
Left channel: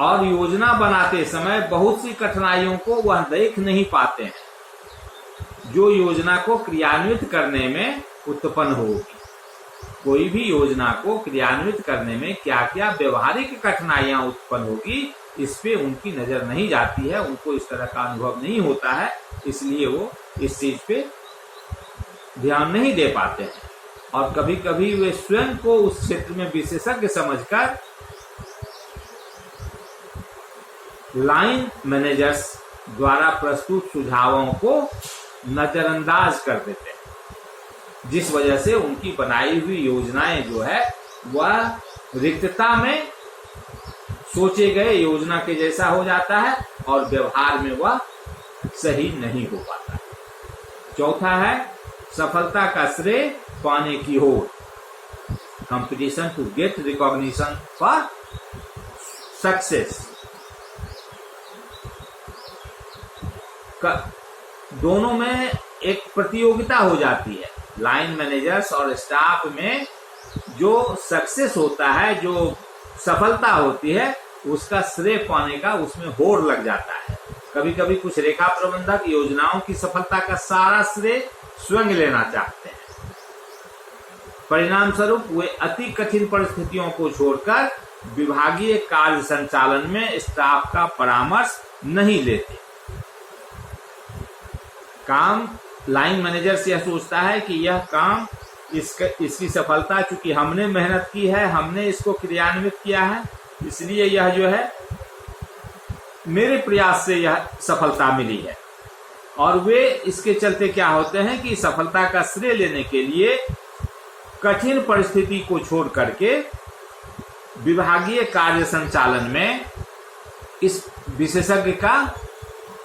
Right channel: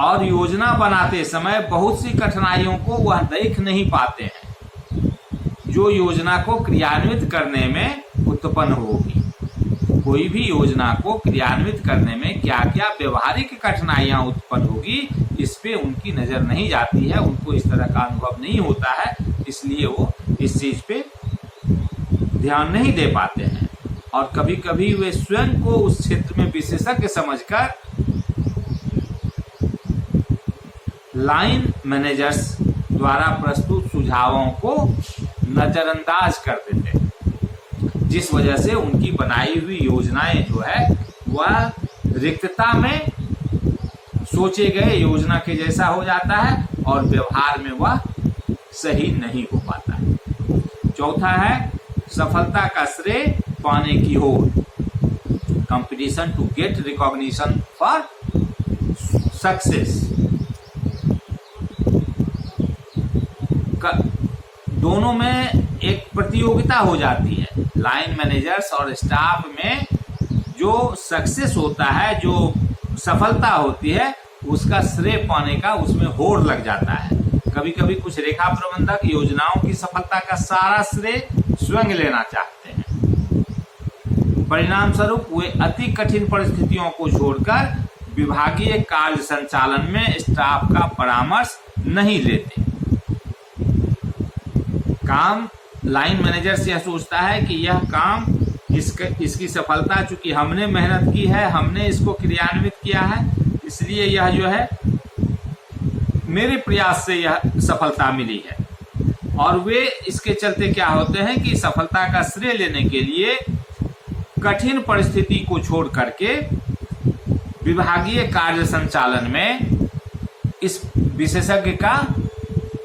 और योजना बनाते समय बहुत सी कठिनाइयों को वह देख नहीं पाते हैं जो योजना को क्रियान्वित करने में उत्पन्न होगी। कोई भी योजना को क्रियान्वित करने में क्या क्या व्यवहारिक कठिनाइयां उत्पन्न होगी, इस पे उनकी नजर नहीं जाती है, उनको इस तरह का अनुभव नहीं होता है, इसलिए वो इस चीज पे ध्यान नहीं दे पाते हैं। और कभी कभी वे स्वयं को उस क्षेत्र में विशेषज्ञ समझकर लाइन मैनेजर्स द्वारा प्रस्तुत सुझावों को नजरअंदाज कर देते हैं। जिस वजह से उनकी बनाई हुई योजनाएं जो है वह रिक्तता में सोचे गए योजना के जैसा हो जाता है और व्यवहार में वह सही नहीं हो पाता। चौथा है सफलता का श्रेय पाने की होड़, competition to get recognition for success. दोनों में एक प्रतियोगिता हो जाती है। लाइन मैनेजर्स और स्टाफ में जो सक्सेस होता है, जो सफलता होती है, उसका श्रेय पाने का उसमें होड़ लग जाता है। कभी कभी कुछ रेखा प्रबंधक योजनाओं की सफलता का सारा श्रेय स्वयं लेना चाहते हैं। परिणाम स्वरूप वे अति कठिन परिस्थितियों को छोड़कर विभागीय कार्य संचालन में स्टाफ का परामर्श नहीं लेते। काम लाइन मैनेजर से यह सोचता है कि यह काम इसकी सफलता, चूंकि हमने मेहनत की है, हमने इसको क्रियान्वित किया है, इसलिए यह जो है मेरे प्रयास से यह सफलता मिली है। और वे इसके चलते क्या होते हैं कि सफलता का श्रेय लेने के लिए कठिन परिस्थिति को छोड़ करके विभागीय कार्य संचालन में इस विशेषज्ञ का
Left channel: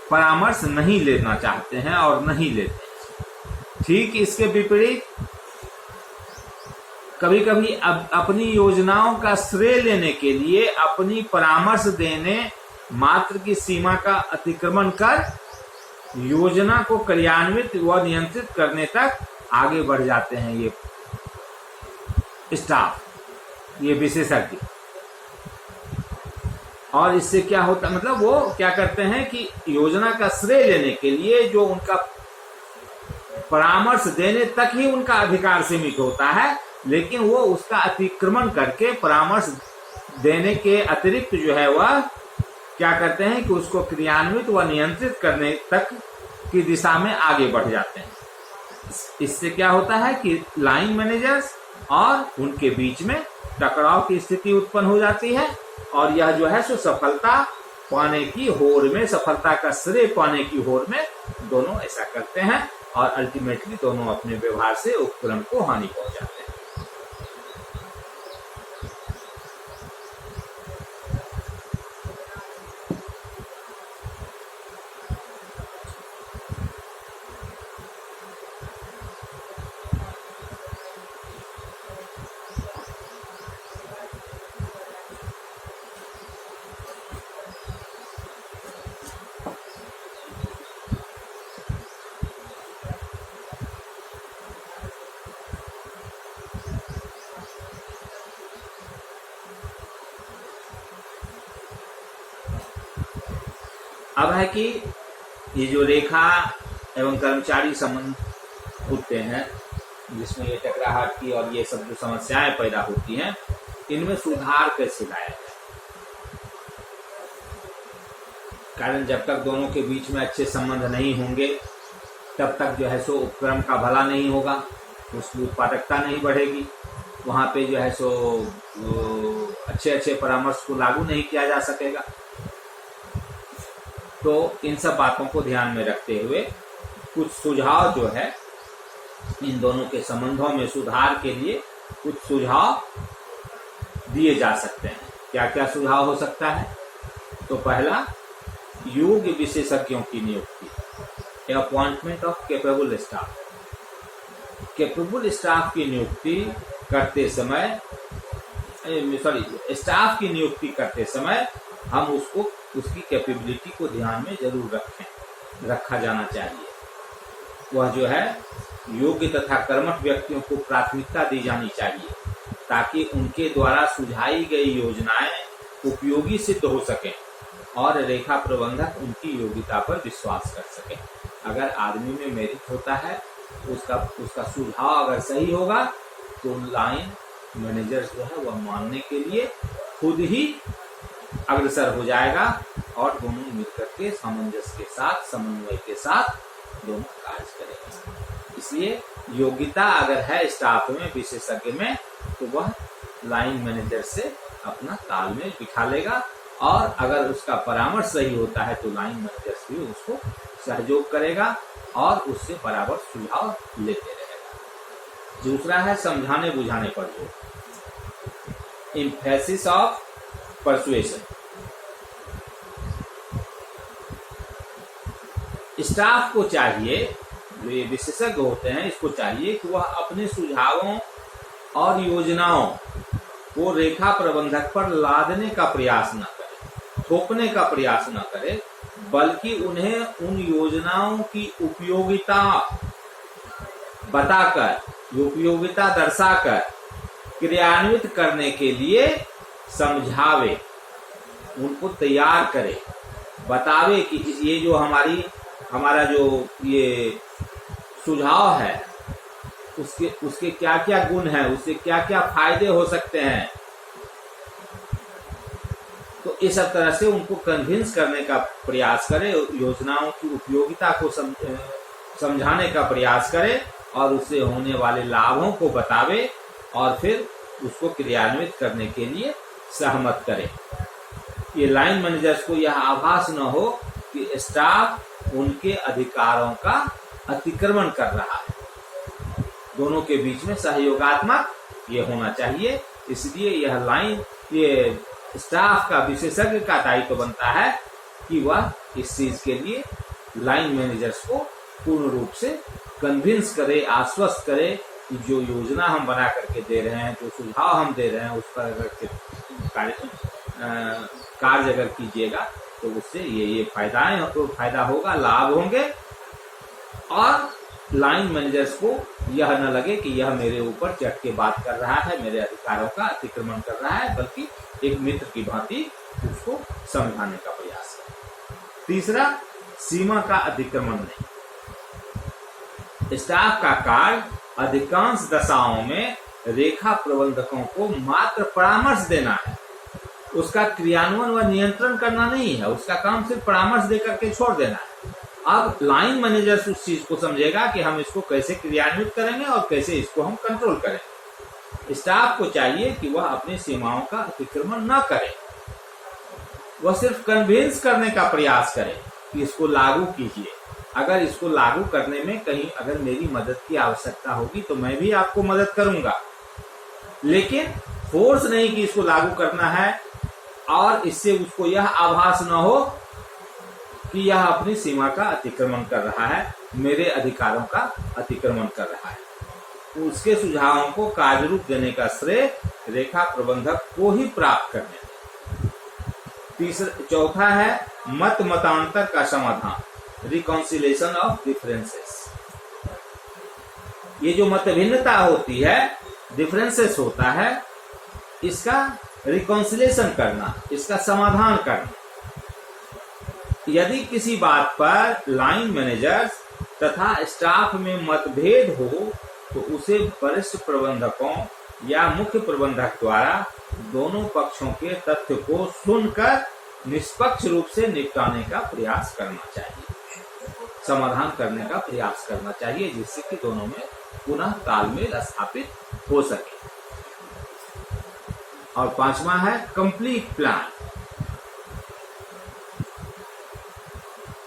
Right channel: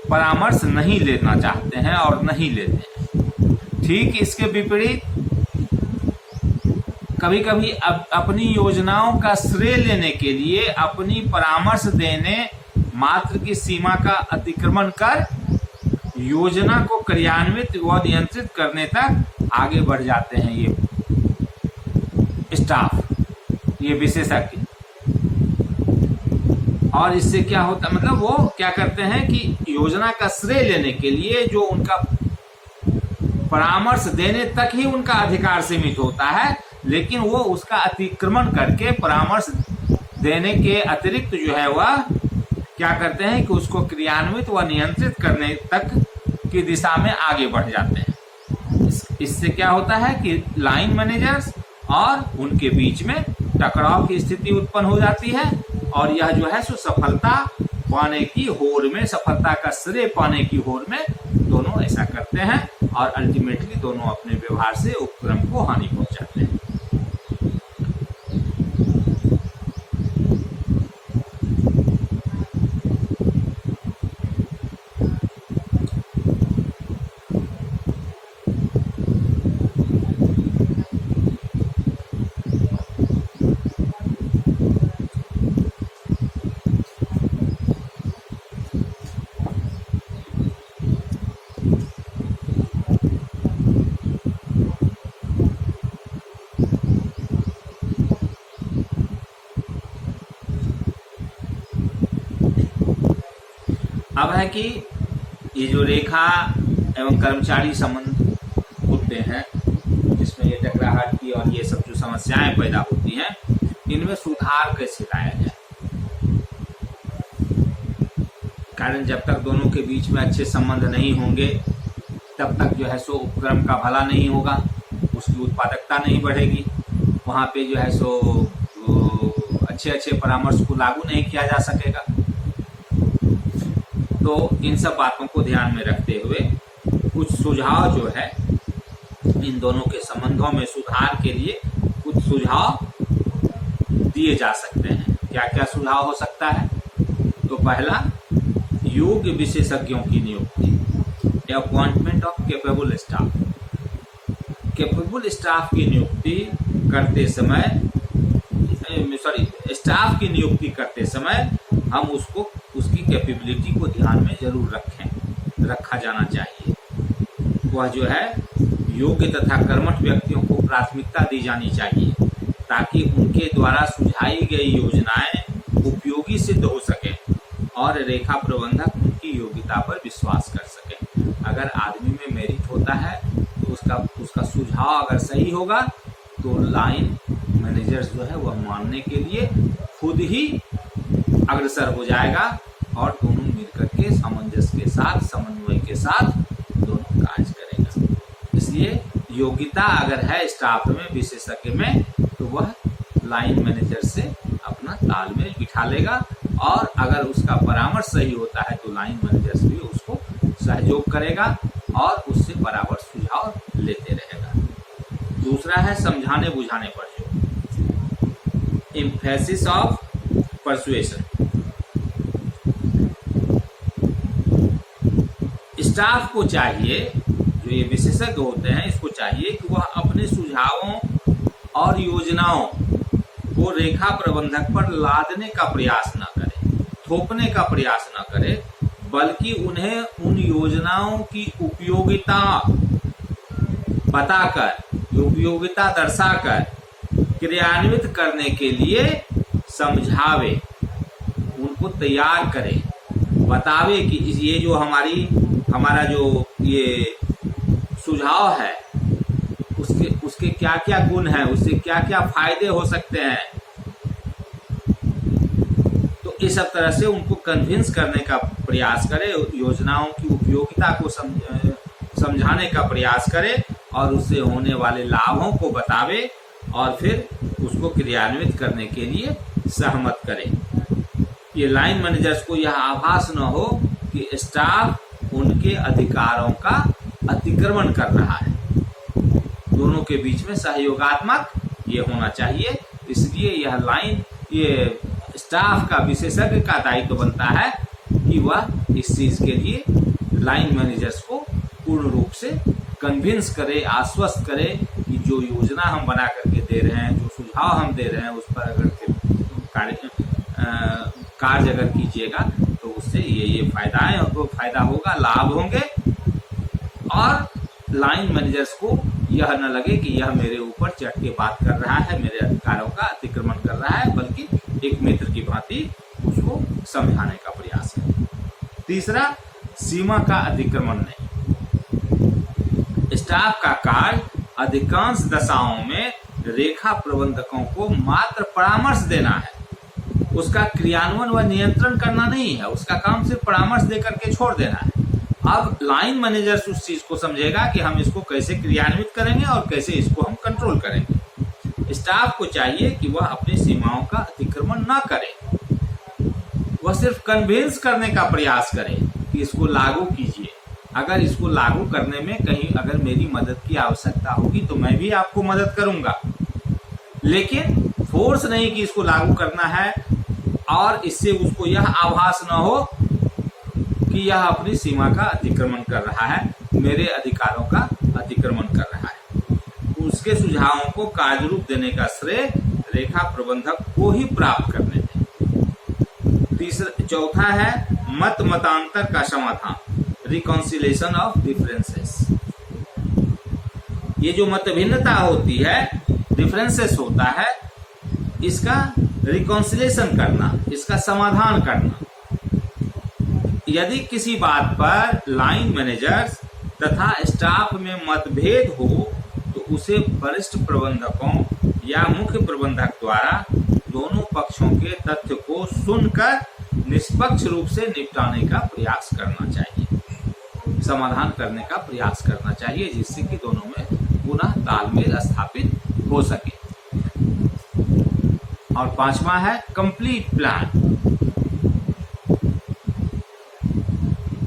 परामर्श नहीं लेना चाहते हैं और नहीं लेते। ठीक इसके विपरीत कभी कभी अपनी योजनाओं का श्रेय लेने के लिए अपनी परामर्श देने मात्र की सीमा का अतिक्रमण कर योजना को क्रियान्वित व नियंत्रित करने तक आगे बढ़ जाते हैं ये स्टाफ, ये विशेषज्ञ। और इससे क्या होता है, मतलब वो क्या करते हैं कि योजना का श्रेय लेने के लिए जो उनका परामर्श देने तक ही उनका अधिकार सीमित होता है, लेकिन वो उसका अतिक्रमण करके परामर्श देने के अतिरिक्त जो है वह क्या करते हैं कि उसको क्रियान्वित व नियंत्रित करने तक की दिशा में आगे बढ़ जाते हैं। इससे क्या होता है कि लाइन मैनेजर्स और उनके बीच में टकराव की स्थिति उत्पन्न हो जाती है और यह जो है सो सफलता पाने की होड़ में, सफलता का श्रेय पाने की होड़ में दोनों ऐसा करते हैं और अल्टीमेटली दोनों अपने व्यवहार से उपक्रम को हानि पहुंचाते हैं। अब है कि ये जो रेखा एवं कर्मचारी संबंध होते हैं जिसमें ये टकराहट की और ये सब जो समस्याएं पैदा होती हैं, इनमें सुधार कैसे लाया जाए। कारण जब तक दोनों के बीच में अच्छे संबंध नहीं होंगे तब तक जो है सो उपक्रम का भला नहीं होगा, उसकी उत्पादकता नहीं बढ़ेगी, वहाँ पे जो है सो अच्छे परामर्श को लागू नहीं किया जा सकेगा। तो इन सब बातों को ध्यान में रखते हुए कुछ सुझाव जो है इन दोनों के संबंधों में सुधार के लिए कुछ सुझाव दिए जा सकते हैं। क्या क्या सुझाव हो सकता है? तो पहला, योग्य विशेषज्ञों की नियुक्ति, appointment of capable staff. Capable staff की नियुक्ति करते समय स्टाफ की नियुक्ति करते समय हम उसकी कैपेबिलिटी को ध्यान में जरूर रखा जाना चाहिए। वह जो है योग्य तथा कर्मठ व्यक्तियों को प्राथमिकता दी जानी चाहिए ताकि उनके द्वारा सुझाई गई योजनाएं उपयोगी सिद्ध हो सके और रेखा प्रबंधक उनकी योग्यता पर विश्वास कर सके। अगर आदमी में मेरिट होता है तो उसका सुझाव अगर सही होगा तो लाइन मैनेजर्स जो है वह मानने के लिए खुद ही अग्रसर हो जाएगा और दोनों मिलकर के सामंजस्य के साथ, समन्वय के साथ दोनों कार्य करेंगे। इसलिए योग्यता अगर है स्टाफ में, विशेषज्ञ में, तो वह लाइन मैनेजर से अपना तालमेल बिठा लेगा और अगर उसका परामर्श सही होता है तो लाइन मैनेजर भी उसको सहयोग करेगा और उससे बराबर सुझाव लेते रहेगा। दूसरा है समझाने बुझाने पर जोर, एम्फेसिस ऑफ परसुएशन। स्टाफ को चाहिए, जो ये विशेषज्ञ होते हैं, इसको चाहिए कि वह अपने सुझावों और योजनाओं को रेखा प्रबंधक पर लादने का प्रयास न करे, थोपने का प्रयास न करे, बल्कि उन्हें उन योजनाओं की उपयोगिता बताकर, उपयोगिता दर्शाकर क्रियान्वित करने के लिए समझावे, उनको तैयार करे, बतावे कि ये जो हमारा जो ये सुझाव है उसके क्या क्या गुण हैं, उससे क्या क्या फायदे हो सकते हैं। तो इस सब तरह से उनको कन्विंस करने का प्रयास करे, योजनाओं की उपयोगिता को समझाने का प्रयास करे और उससे होने वाले लाभों को बतावे और फिर उसको क्रियान्वित करने के लिए सहमत करे। ये लाइन मैनेजर्स को यह आभास न हो कि स्टाफ उनके अधिकारों का अतिक्रमण कर रहा है। दोनों के बीच में सहयोगात्मक ये होना चाहिए। इसलिए यह लाइन, ये स्टाफ का, विशेषज्ञ का दायित्व बनता है कि वह इस चीज के लिए लाइन मैनेजर्स को पूर्ण रूप से कन्विंस करे, आश्वस्त करे कि जो योजना हम बना करके दे रहे हैं, जो सुझाव हम दे रहे हैं, उस पर अगर कार्य अगर कीजिएगा तो उससे ये फायदाएं, तो फायदा होगा, लाभ होंगे। और लाइन मैनेजर्स को यह न लगे कि यह मेरे ऊपर चढ़ के बात कर रहा है, मेरे अधिकारों का अतिक्रमण कर रहा है, बल्कि एक मित्र की भांति उसको समझाने का प्रयास है। तीसरा, सीमा का अतिक्रमण नहीं। स्टाफ का कार्य अधिकांश दशाओं में रेखा प्रबंधकों को मात्र परामर्श देना है, उसका क्रियान्वयन व नियंत्रण करना नहीं है। उसका काम सिर्फ परामर्श देकर के छोड़ देना है। अब लाइन मैनेजर्स उस चीज को समझेगा कि हम इसको कैसे क्रियान्वित करेंगे और कैसे इसको हम कंट्रोल करेंगे। स्टाफ को चाहिए कि वह अपनी सीमाओं का अतिक्रमण न करे, वह सिर्फ कन्विंस करने का प्रयास करे कि इसको लागू कीजिए। अगर इसको लागू करने में कहीं अगर मेरी मदद की आवश्यकता होगी तो मैं भी आपको मदद करूंगा, लेकिन फोर्स नहीं कि इसको लागू करना है और इससे उसको यह आभास न हो कि यह अपनी सीमा का अतिक्रमण कर रहा है, मेरे अधिकारों का अतिक्रमण कर रहा है। उसके सुझावों को कार्य रूप देने का श्रेय रेखा प्रबंधक को ही प्राप्त करने दें। चौथा है मतांतर का समाधान, रिकॉन्सिलेशन ऑफ डिफरेंसेस। ये जो मतभिन्नता होती है, डिफरेंसेस होता है, इसका रिकॉन्सिलेशन करना, इसका समाधान करना। यदि किसी बात पर लाइन मैनेजर्स तथा स्टाफ में मतभेद हो तो उसे वरिष्ठ प्रबंधकों या मुख्य प्रबंधक द्वारा दोनों पक्षों के तथ्य को सुनकर निष्पक्ष रूप से निपटाने का प्रयास करना चाहिए, समाधान करने का प्रयास करना चाहिए, जिससे कि दोनों में पुनः तालमेल स्थापित हो सके। और पांचवा है कंप्लीट प्लान।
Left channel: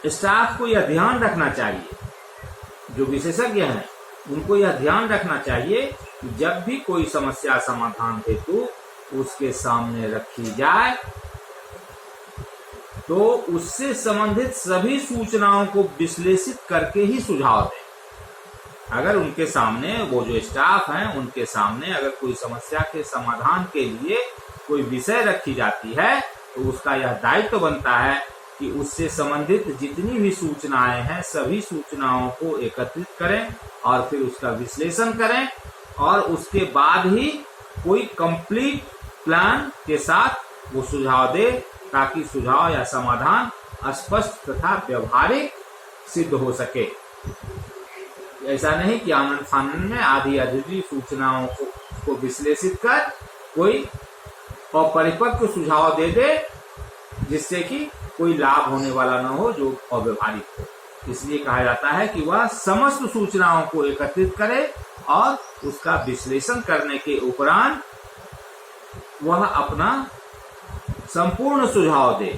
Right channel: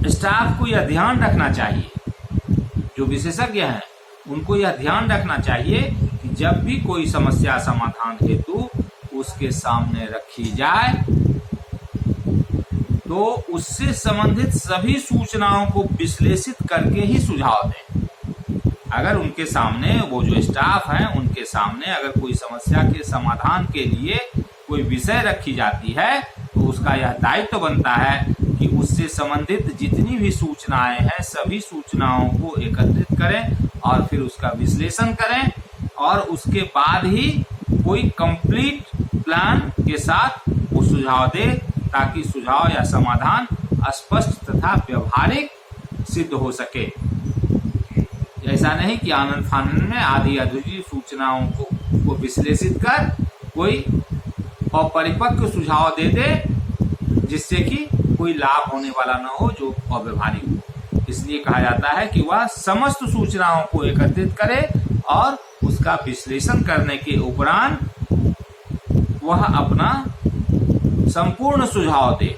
स्टाफ को यह ध्यान रखना चाहिए, जो विशेषज्ञ हैं उनको यह ध्यान रखना चाहिए कि जब भी कोई समस्या समाधान हेतु उसके सामने रखी जाए तो उससे संबंधित सभी सूचनाओं को विश्लेषित करके ही सुझाव दें। अगर उनके सामने, वो जो स्टाफ हैं उनके सामने अगर कोई समस्या के समाधान के लिए कोई विषय रखी जाती है तो उसका यह दायित्व बनता है कि उससे संबंधित जितनी भी सूचनाएं हैं सभी सूचनाओं को एकत्रित करें और फिर उसका विश्लेषण करें और उसके बाद ही कोई कंप्लीट प्लान के साथ वो सुझाव दे, ताकि सुझाव या समाधान स्पष्ट तथा व्यवहारिक सिद्ध हो सके। ऐसा नहीं कि आनंद फानंद में आधी अधूरी सूचनाओं को विश्लेषित कर कोई अपरिपक्व सुझाव दे दे जिससे कि कोई लाभ होने वाला न हो, जो अव्यवहारिक हो। इसलिए कहा जाता है कि वह समस्त सूचनाओं को एकत्रित करे और उसका विश्लेषण करने के उपरांत वह अपना संपूर्ण सुझाव दे,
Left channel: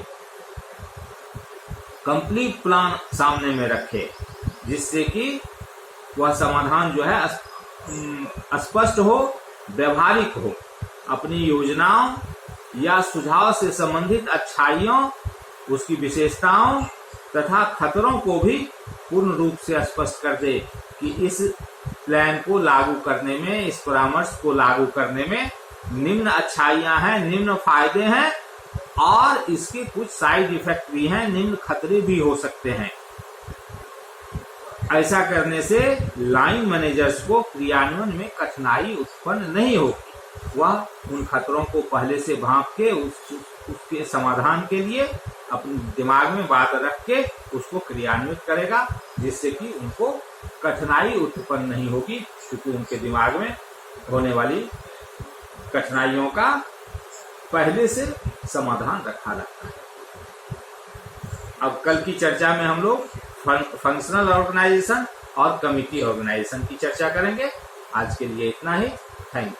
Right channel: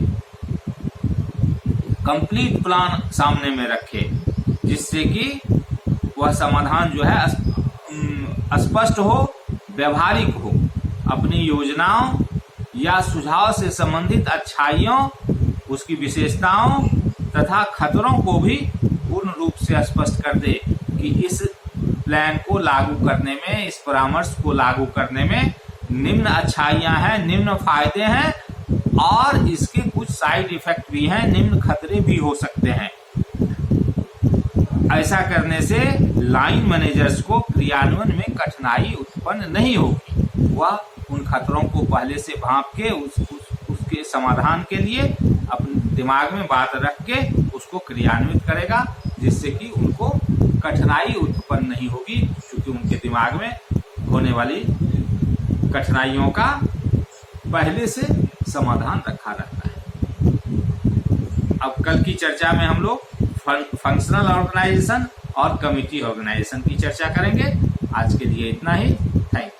कंप्लीट प्लान सामने में रखे, जिससे कि वह समाधान जो है स्पष्ट हो, व्यवहारिक हो, अपनी योजनाओं या सुझाव से संबंधित अच्छाइयों, उसकी विशेषताओं तथा खतरों को भी पूर्ण रूप से स्पष्ट कर दे कि इस प्लान को लागू करने में, इस परामर्श को लागू करने में निम्न अच्छाइयां हैं, निम्न फायदे हैं और इसके कुछ साइड इफेक्ट भी हैं, निम्न खतरे भी हो सकते हैं। ऐसा करने से लाइन मैनेजर्स को क्रियान्वयन में कठिनाई उत्पन्न नहीं होगी। वह उन खतरों को पहले से भांप के उसके समाधान के लिए अपने दिमाग में बात रख के उसको क्रियान्वित करेगा, जिससे कि उनको कठिनाई उत्पन्न नहीं होगी, क्योंकि उनके दिमाग में होने वाली कठिनाइयों का पहले से समाधान रखा रहता है। अब कल की चर्चा में हम लोग फंक्शनल ऑर्गेनाइजेशन और कमिटी ऑर्गेनाइजेशन की चर्चा करेंगे। आज के लिए इतना ही। Thank you.